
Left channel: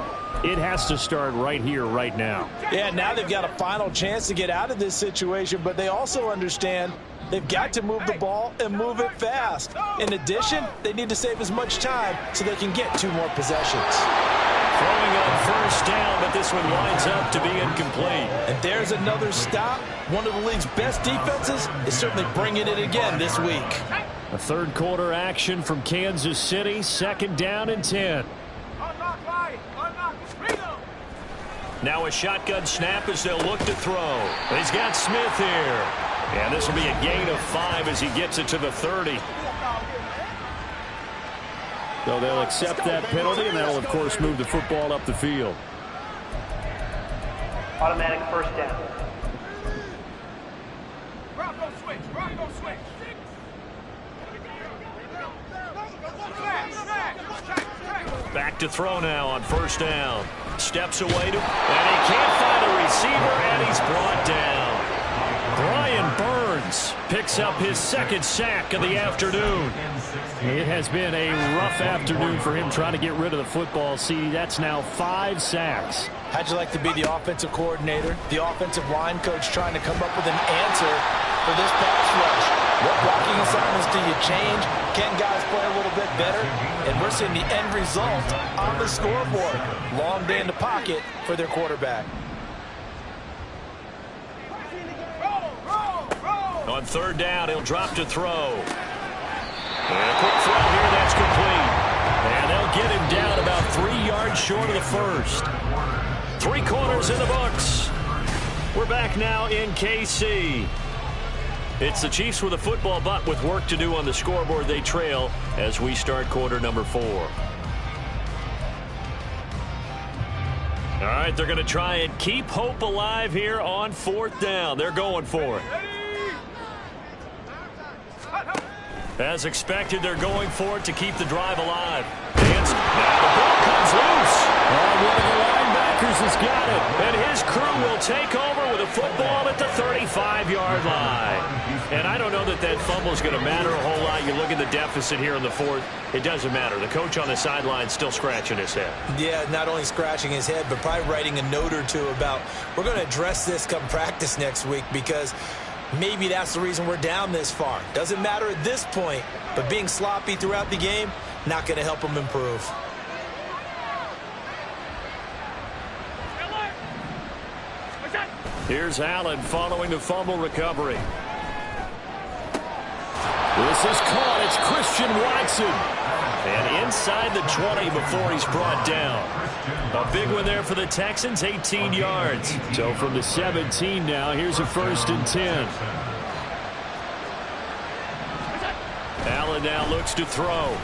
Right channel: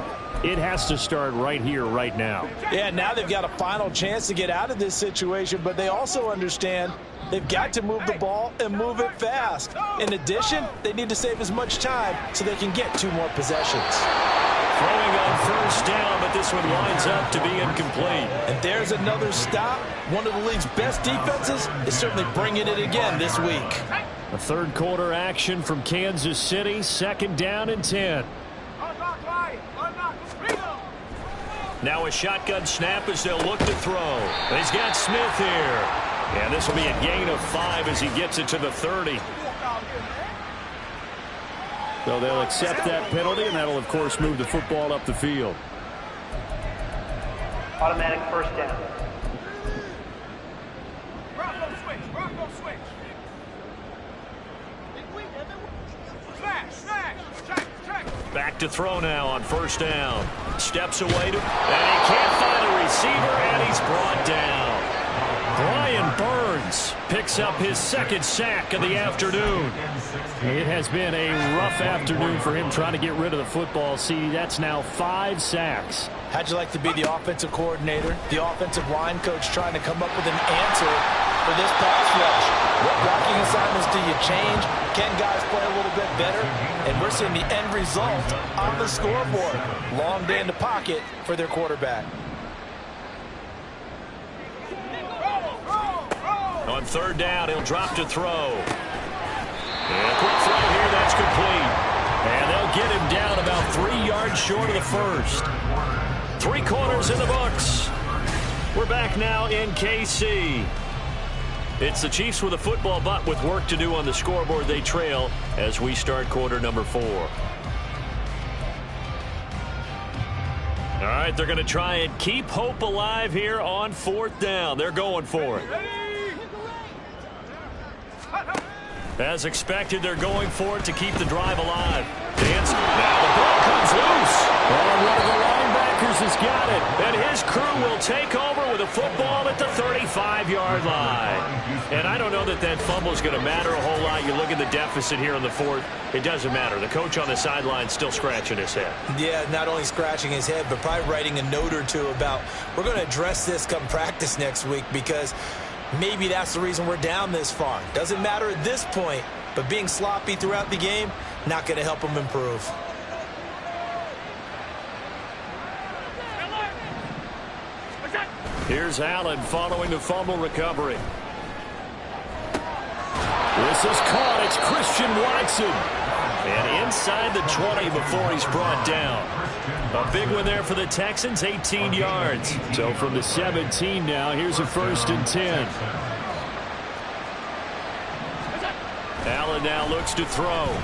it has to start right here, right now. Yeah, now they've got a final chance to get out of this situation, but they also understand they've got to move the ball and move it fast. In addition, they need to save as much time so they can get 2 more possessions. Throwing on first down, but this one winds up to be incomplete. And there's another stop. One of the league's best defenses is certainly bringing it again this week. A 3rd quarter action from Kansas City, 2nd down and 10. Now a shotgun snap as they'll look to throw. He's got Smith here. And this will be a gain of 5 as he gets it to the 30. So they'll accept that penalty, and that'll, of course, move the football up the field. Automatic first down. Bronco switch. Bronco switch. Back to throw now on first down. Steps away to, and he can't find a receiver, and he's brought down. Brian Burns picks up his 2nd sack of the afternoon. It has been a rough afternoon for him trying to get rid of the football. See, that's now 5 sacks. How'd you like to be the offensive coordinator, the offensive line coach trying to come up with an answer for this pass rush? What blocking assignments do you change? Can guys play a little bit better? And we're seeing the end result on the scoreboard. Long day in the pocket for their quarterback. On 3rd down, he'll drop to throw. And a quick throw here, that's complete. And they'll get him down about 3 yards short of the first. 3 quarters in the books. We're back now in KC. It's the Chiefs with a football, but with work to do on the scoreboard. They trail as we start quarter number 4. All right, they're going to try and keep hope alive here on 4th down. They're going for it. As expected, they're going for it to keep the drive alive. Now the ball comes loose. Oh, one of the linebackers has got it. And his crew will take over with a football at the 35-yard line. And I don't know that that fumble is going to matter a whole lot. You look at the deficit here in the 4th. It doesn't matter. The coach on the sideline still scratching his head. Yeah, not only scratching his head, but probably writing a note or two about we're going to address this come practice next week because maybe that's the reason we're down this far. Doesn't matter at this point, but being sloppy throughout the game, not going to help them improve. Here's Allen following the fumble recovery. This is caught. It's Christian Watson. And inside the 20 before he's brought down. A big one there for the Texans, 18 yards. So from the 17 now, here's a 1st and 10. Allen now looks to throw.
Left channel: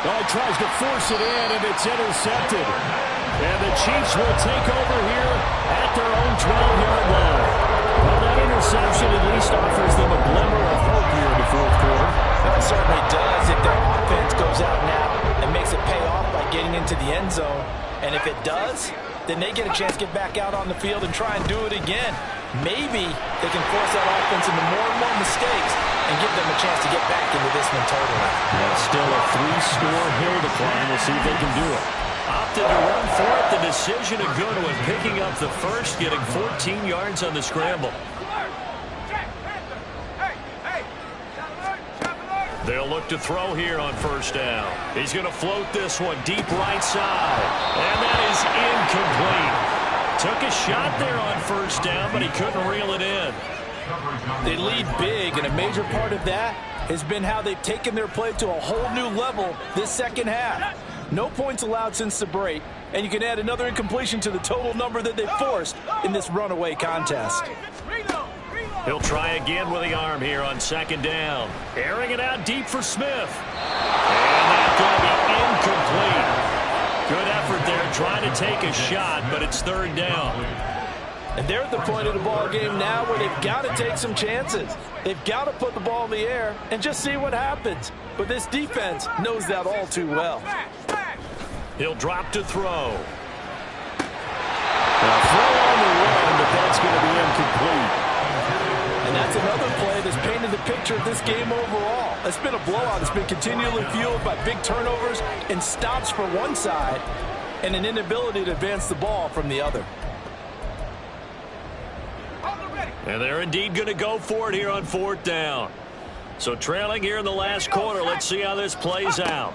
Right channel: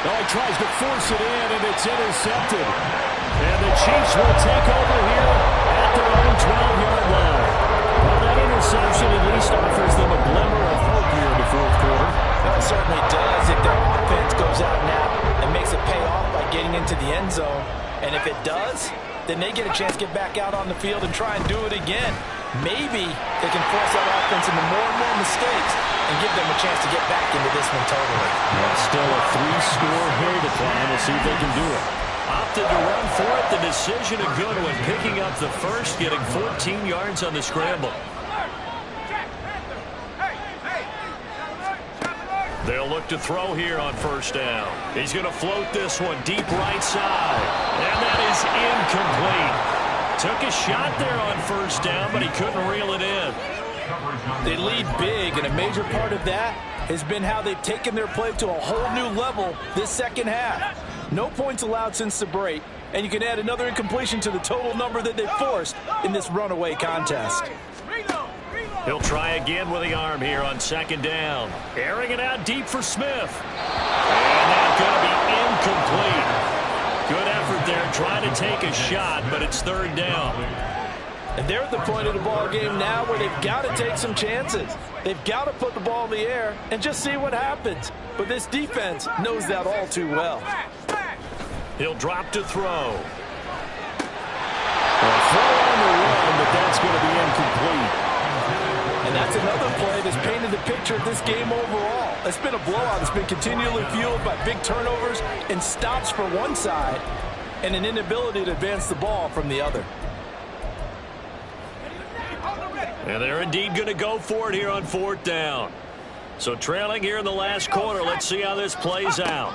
Oh, he tries to force it in, and it's intercepted. And the Chiefs will take over here at their own 12-yard line. Well, that interception at least offers them a glimmer of hope here in the 4th quarter. It certainly does if their offense goes out now and makes it pay off by getting into the end zone. And if it does, then they get a chance to get back out on the field and try and do it again. Maybe they can force that offense into more and more mistakes and give them a chance to get back into this one totally. Yeah, still a 3-score hill to climb. We'll see if they can do it. Opted to run for it. The decision a good one. Picking up the first, getting 14 yards on the scramble. They'll look to throw here on 1st down. He's going to float this one deep right side. And that is incomplete. Took a shot there on 1st down, but he couldn't reel it in. They lead big, and a major part of that has been how they've taken their play to a whole new level this second half. No points allowed since the break, and you can add another incompletion to the total number that they forced in this runaway contest. He'll try again with the arm here on 2nd down. Airing it out deep for Smith. And that's going to be incomplete. Good effort there, trying to take a shot, but it's 3rd down. And they're at the point of the ball game now where they've got to take some chances. They've got to put the ball in the air and just see what happens. But this defense knows that all too well. He'll drop to throw. A throw on the run, but that's going to be incomplete. And that's another play that's painted the picture of this game overall. It's been a blowout. It's been continually fueled by big turnovers and stops for one side and an inability to advance the ball from the other. And they're indeed going to go for it here on 4th down. So trailing here in the last quarter. Let's see how this plays out.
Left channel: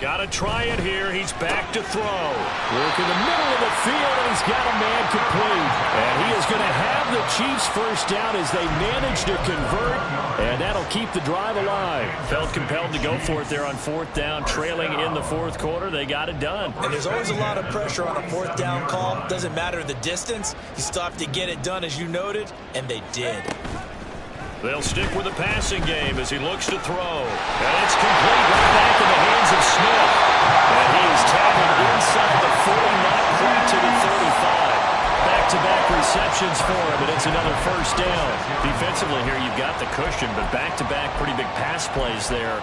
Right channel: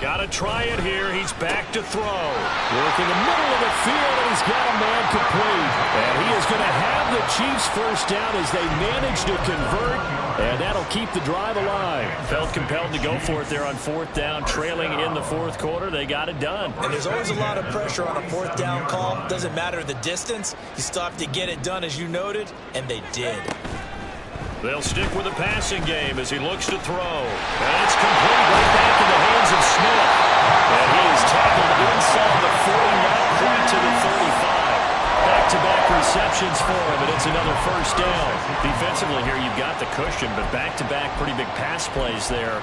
Got to try it here. He's back to throw. Work in the middle of the field, and he's got a man complete. And he is going to have the Chiefs 1st down as they manage to convert, and that'll keep the drive alive. Felt compelled to go for it there on 4th down, trailing in the 4th quarter. They got it done. And there's always a lot of pressure on a 4th down call. Doesn't matter the distance. You still have to get it done, as you noted, and they did. They'll stick with the passing game as he looks to throw. And it's complete right back in the hands of Smith. And he is tackled inside the 40, not quite to the 35. Back-to-back receptions for him, and it's another 1st down. Defensively here, you've got the cushion, but back-to-back pretty big pass plays there.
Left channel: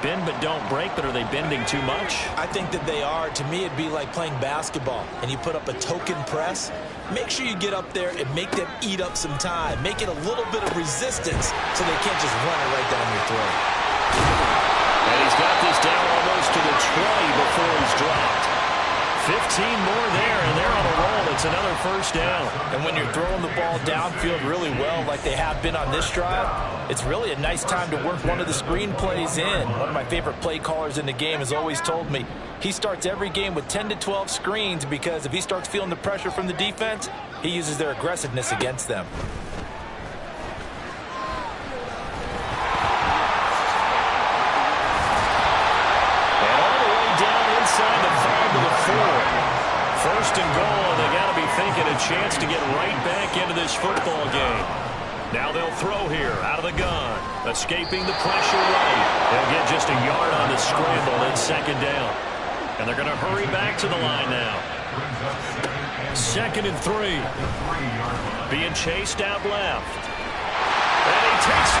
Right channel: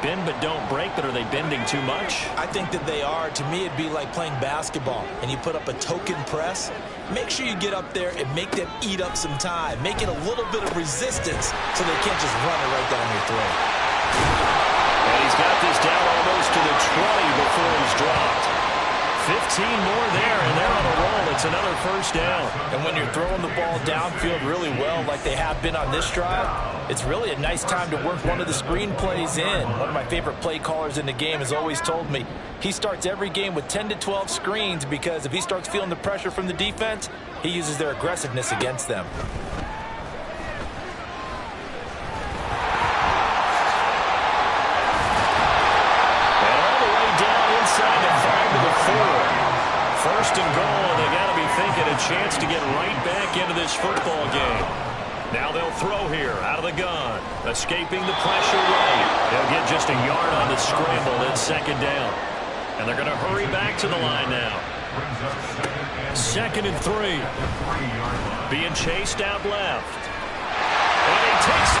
Bend but don't break, but are they bending too much? I think that they are. To me, it'd be like playing basketball, and you put up a token press. Make sure you get up there and make them eat up some time. Make it a little bit of resistance so they can't just run it right down your throat. And he's got this down almost to the 20 before he's dropped. 15 more there, and they're on a roll. It's another 1st down. And when you're throwing the ball downfield really well like they have been on this drive, it's really a nice time to work one of the screen plays in. One of my favorite play callers in the game has always told me he starts every game with 10 to 12 screens because if he starts feeling the pressure from the defense, he uses their aggressiveness against them. Inside the 5 to the 4. 1st and goal, and they got to be thinking a chance to get right back into this football game. Now they'll throw here out of the gun. Escaping the pressure right. They'll get just a yard on the scramble, then 2nd down. And they're going to hurry back to the line now. 2nd and 3. Being chased out left. And he takes...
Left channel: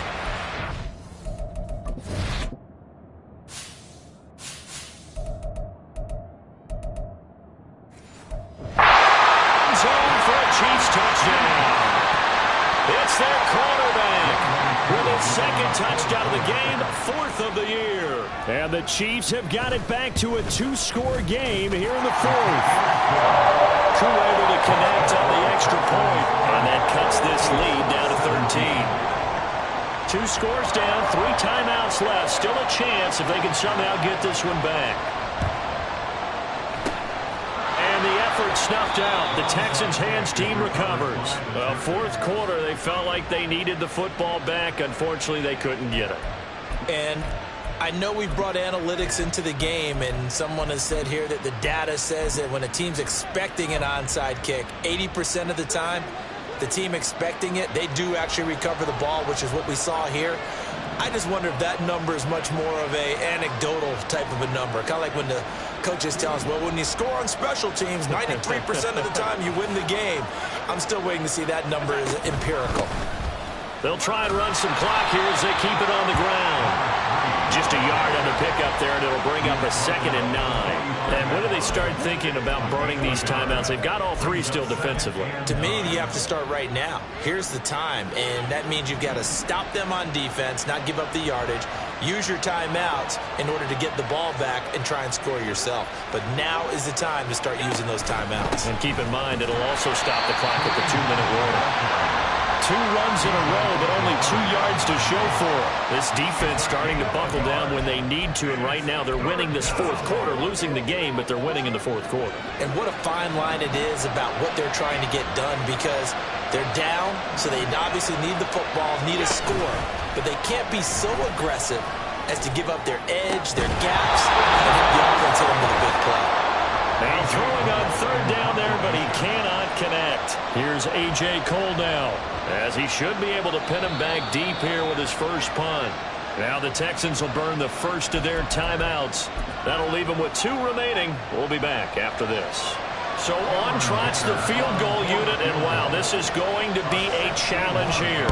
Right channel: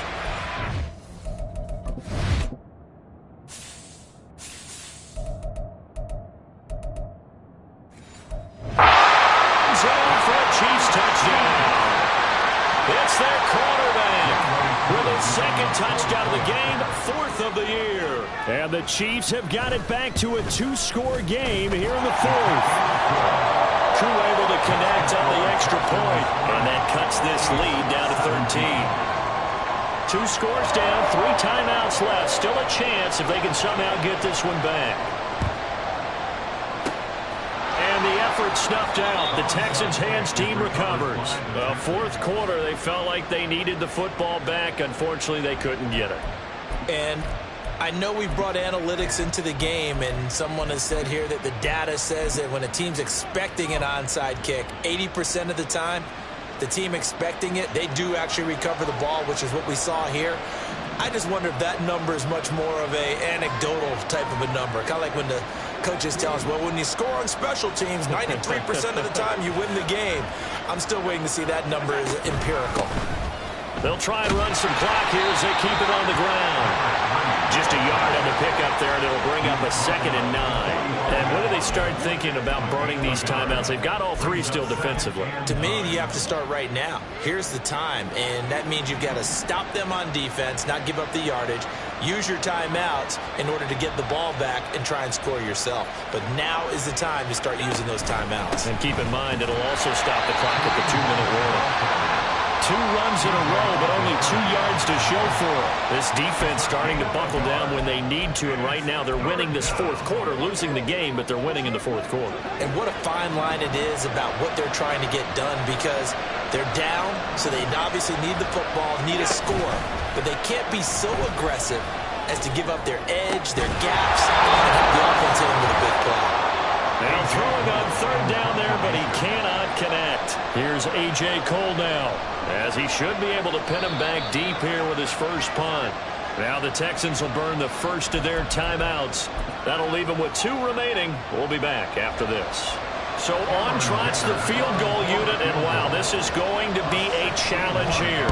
zone for a Chiefs touchdown. It's their quarterback with his 2nd touchdown of the game, 4th of the year. And the Chiefs have got it back to a 2-score game here in the 4th. Koo able to connect on the extra point, and that cuts this lead down to 13. 2 scores down, 3 timeouts left. Still a chance if they can somehow get this one back. And the effort snuffed out. The Texans' hands team recovers. 4th quarter, they felt like they needed the football back. Unfortunately, they couldn't get it. And I know we brought analytics into the game, and someone has said here that the data says that when a team's expecting an onside kick, 80% of the time, the team expecting it, they do actually recover the ball, which is what we saw here. I just wonder if that number is much more of a anecdotal type of a number. Kind of like when the coaches tell us, well, when you score on special teams, 93% of the time you win the game. I'm still waiting to see that number is empirical. They'll try and run some clock here as they keep it on the ground. Just a yard on the pickup there, and it'll bring up a 2nd and 9. And when do they start thinking about burning these timeouts? They've got all 3 still defensively. To me, you have to start right now. Here's the time, and that means you've got to stop them on defense, not give up the yardage, use your timeouts in order to get the ball back and try and score yourself. But now is the time to start using those timeouts. And keep in mind, it'll also stop the clock at the 2-minute warning. 2 runs in a row, but only 2 yards to show for it. This defense starting to buckle down when they need to, and right now they're winning this 4th quarter, losing the game, but they're winning in the 4th quarter. And what a fine line it is about what they're trying to get done, because they're down, so they obviously need the football, need a score, but they can't be so aggressive as to give up their edge, their gaps, and have the offense hit them with a big play. Now throwing on 3rd down there, but he cannot connect. Here's A.J. Cole now, as he should be able to pin him back deep here with his first punt. Now the Texans will burn the first of their timeouts. That'll leave them with 2 remaining. We'll be back after this. So on trots the field goal unit, and wow, this is going to be a challenge here.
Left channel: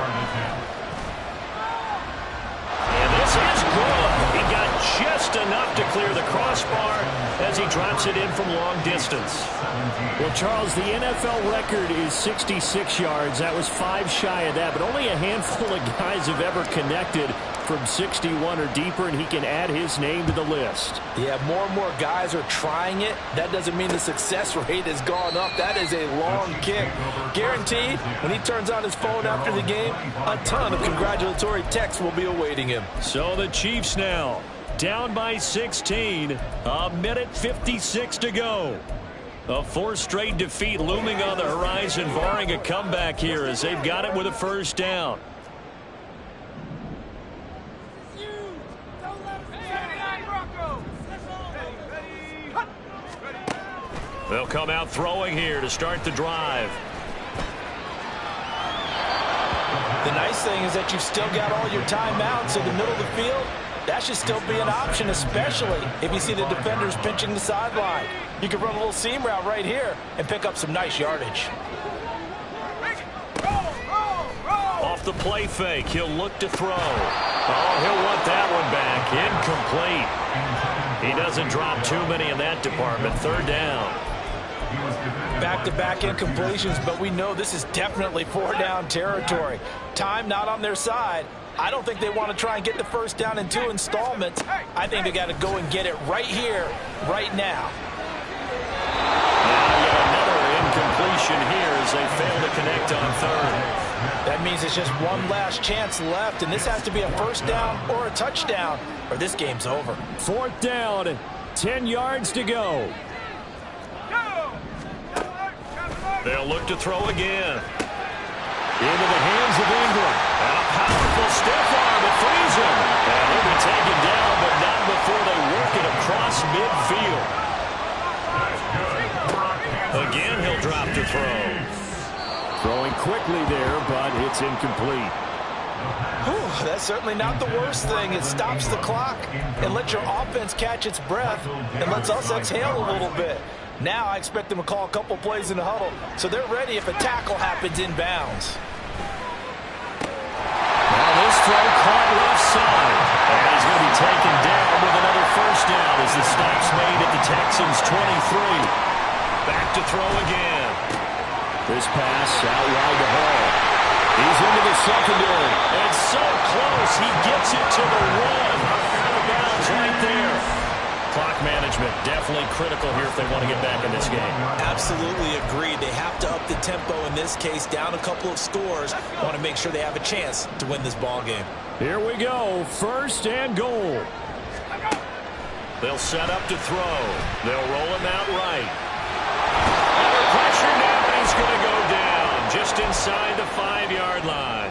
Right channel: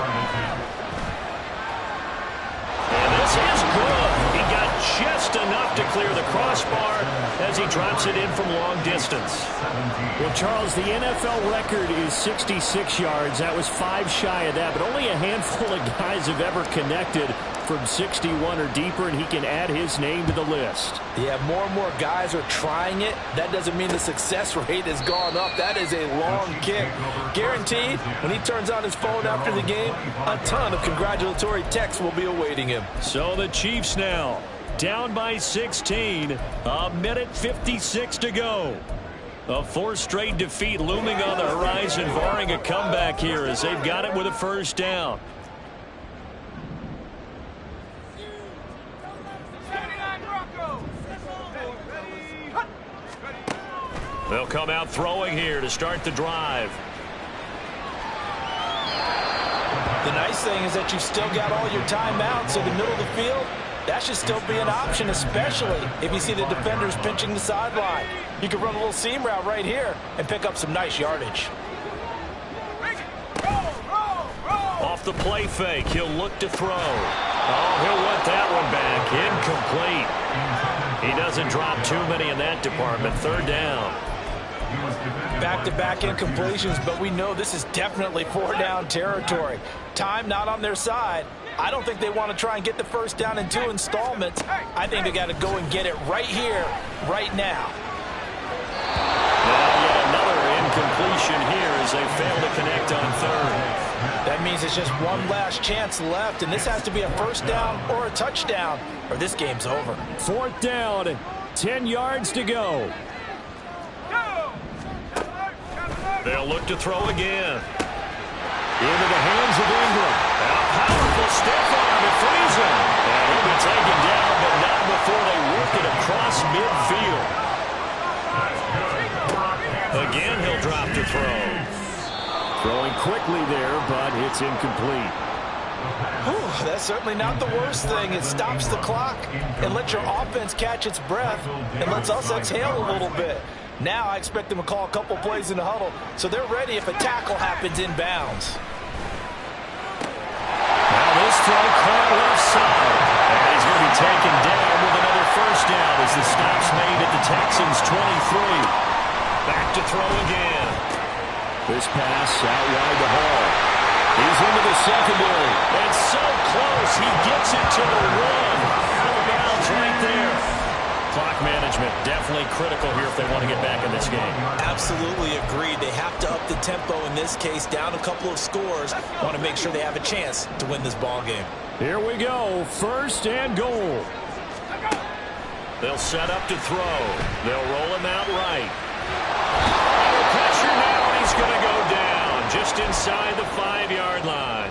And this is good. He got just enough to clear the crossbar as he drops it in from long distance. Well, Charles, the NFL record is 66 yards. That was 5 shy of that, but only a handful of guys have ever connected from 61 or deeper, and he can add his name to the list. Yeah, more and more guys are trying it. That doesn't mean the success rate has gone up. That is a long kick. Guaranteed, when he turns on his phone after the game, a ton of congratulatory texts will be awaiting him. So the Chiefs now down by 16, 1:56 to go. A 4th straight defeat looming on the horizon, barring a comeback here as they've got it with a 1st down. They'll come out throwing here to start the drive. The nice thing is that you've still got all your timeouts in the middle of the field. That should still be an option, especially if you see the defenders pinching the sideline. You can run a little seam route right here and pick up some nice yardage. Off the play fake, he'll look to throw. Oh, he'll want that one back. Incomplete. He doesn't drop too many in that department. 3rd down. Back-to-back incompletions, but we know this is definitely 4-down territory. Time not on their side. I don't think they want to try and get the 1st down in 2 installments. I think they got to go and get it right here, right now. Now yet another incompletion here as they fail to connect on 3rd. That means it's just one last chance left, and this has to be a 1st down or a touchdown, or this game's over. 4th down, 10 yards to go. They'll look to throw again. Into the hands of Ingram. A powerful stiff arm. It frees him. And he'll be taken down, but not before they work it across midfield. Again, he'll drop to throw. Throwing quickly there, but it's incomplete. Whew, that's certainly not the worst thing. It stops the clock and lets your offense catch its breath and lets us exhale a little bit. Now I expect them to call a couple plays in the huddle so they're ready if a tackle happens inbounds. Now this throw caught left side. And he's going to be taken down with another first down as the stop's made at the Texans' 23. Back to throw again. This pass out wide to Hall. He's into the secondary. And so close, he gets it to the one. Out of bounds right there. Clock management definitely critical here if they want to get back in this game. Absolutely agreed. They have to up the tempo in this case, down a couple of scores. Want to make sure they have a chance to win this ball game. Here we go. First and goal. They'll set up to throw. They'll roll him out right. Under pressure now, and he's going to go down just inside the 5-yard line.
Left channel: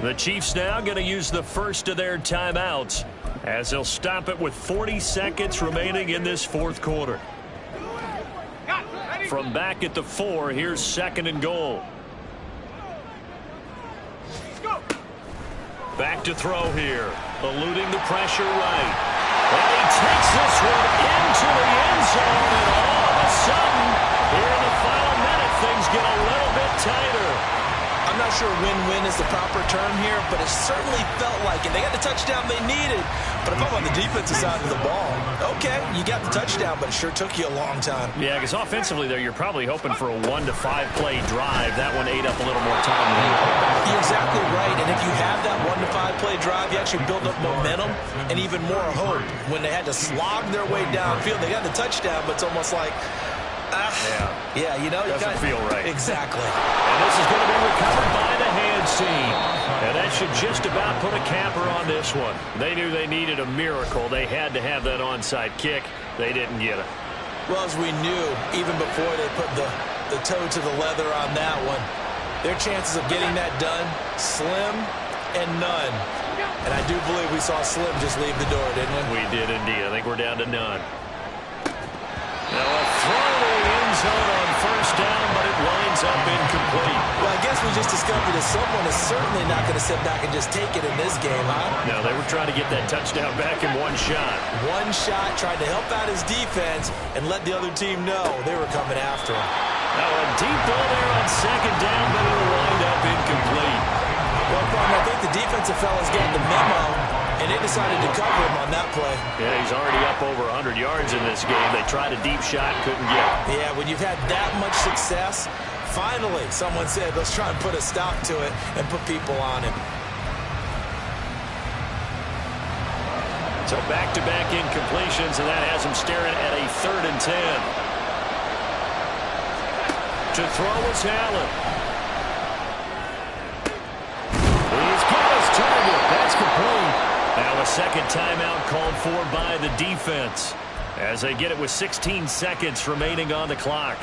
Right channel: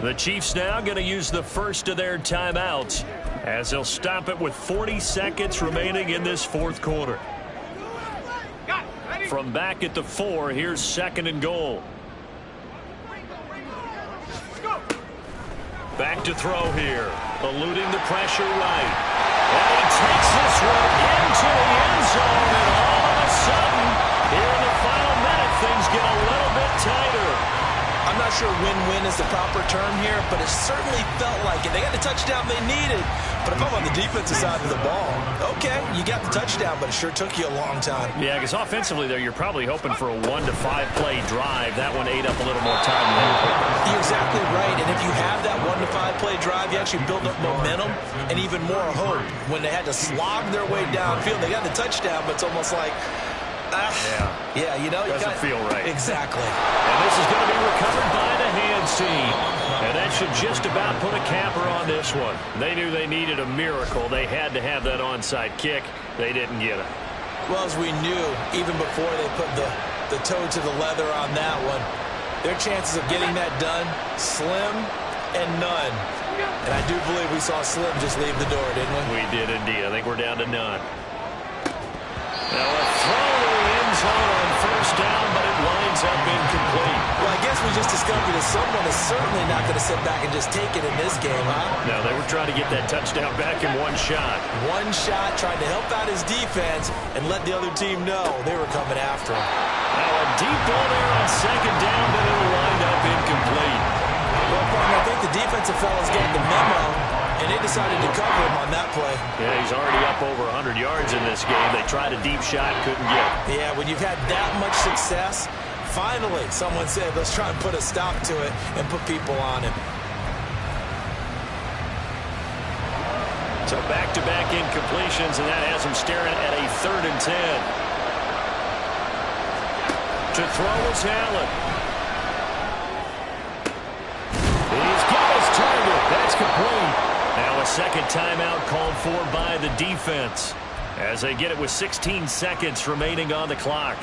The Chiefs now going to use the first of their timeouts as they'll stop it with 40 seconds remaining in this fourth quarter. From back at the 4, here's second and goal. Back to throw here, eluding the pressure right. And he takes this one into the end zone, and all of a sudden, here in the final minute, things get a little bit tighter. I'm not sure win-win is the proper term here, but it certainly felt like it. They got the touchdown they needed, but if I'm on the defensive side of the ball, okay, you got the touchdown, but it sure took you a long time. Yeah, because offensively, there, you're probably hoping for a 1 to 5 play drive. That one ate up a little more time than they were hoping. You're exactly right, and if you have that 1 to 5 play drive, you actually build up momentum and even more hope. When they had to slog their way downfield, they got the touchdown, but it's almost like, yeah, you know, doesn't feel right. Exactly. And this is going to be recovered by the hands team. And that should just about put a capper on this one. They knew they needed a miracle. They had to have that onside kick. They didn't get it. Well, as we knew, even before they put the toe to the leather on that one, their chances of getting that done, slim and none. And I do believe we saw Slim just leave the door, didn't we? We did indeed. I think we're down to none. Now a throw to the end zone on first down, but it winds up incomplete. Well, I guess we just discovered that someone is certainly not going to sit back and just take it in this game, huh? No, they were trying to get that touchdown back in one shot. One shot, tried to help out his defense and let the other team know they were coming after him. Now a deep ball there on second down, but it'll wind up incomplete. Well, I think the defensive fellas got the memo, and they decided to cover him on that play. Yeah, he's already up over 100 yards in this game. They tried a deep shot, couldn't get it. Yeah, when you've had that much success, finally someone said, let's try and put a stop to it and put people on him. So back-to-back incompletions, and that has him staring at a 3rd and 10. To throw is Allen. He's got his target. That's complete. Now a second timeout called for by the defense as they get it with 16 seconds remaining on the clock.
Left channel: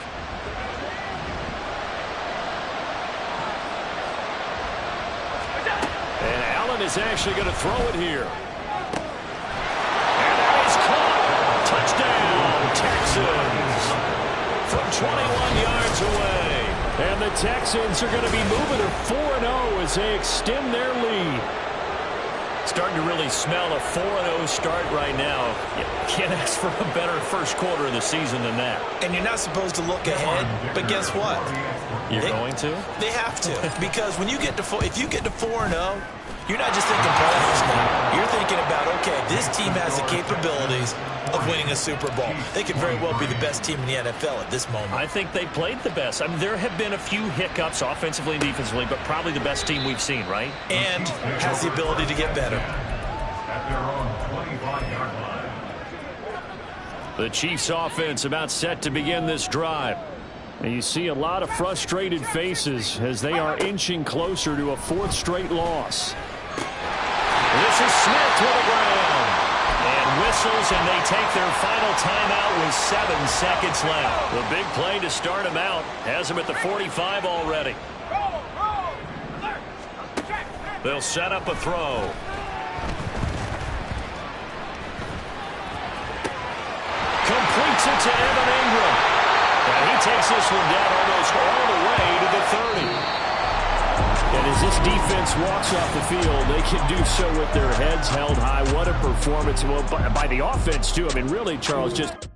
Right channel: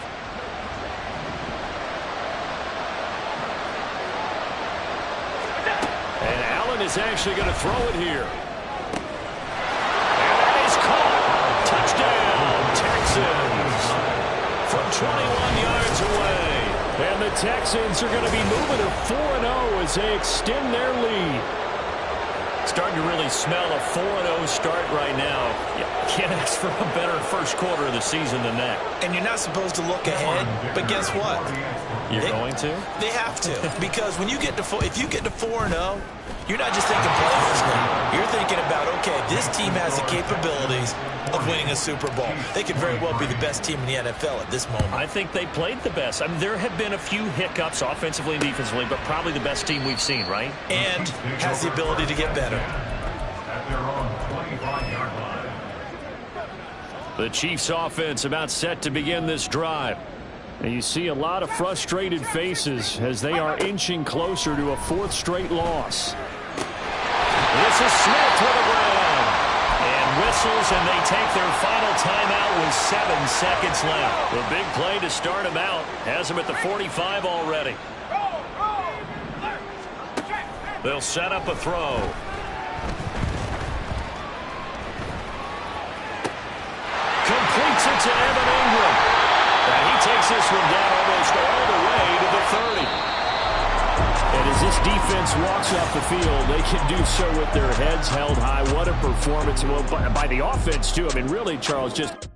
And Allen is actually going to throw it here. And that is caught. Touchdown, Texans. From 21 yards away. And the Texans are going to be moving to 4-0 as they extend their lead. Starting to really smell a 4-0 start right now. You can't ask for a better first quarter of the season than that. And you're not supposed to look ahead, but guess what? You're going to? They have to, because when you get to if you get to 4-0, you're not just thinking playoffs now. You're thinking about, okay, this team has the capabilities of winning a Super Bowl. They could very well be the best team in the NFL at this moment. I think they played the best. I mean, there have been a few hiccups offensively and defensively, but probably the best team we've seen, right? And has the ability to get better. At their own 25-yard line. The Chiefs offense about set to begin this drive. And you see a lot of frustrated faces as they are inching closer to a 4th straight loss. This is Smith with a grab. And whistles, and they take their final timeout with 7 seconds left. The big play to start them out has them at the 45 already. They'll set up a throw. Completes it to Evan Ingram. And he takes this one down almost all the way to the 30. And as this defense walks off the field, they can do so with their heads held high. What a performance by the offense, too. I mean, really, Charles, just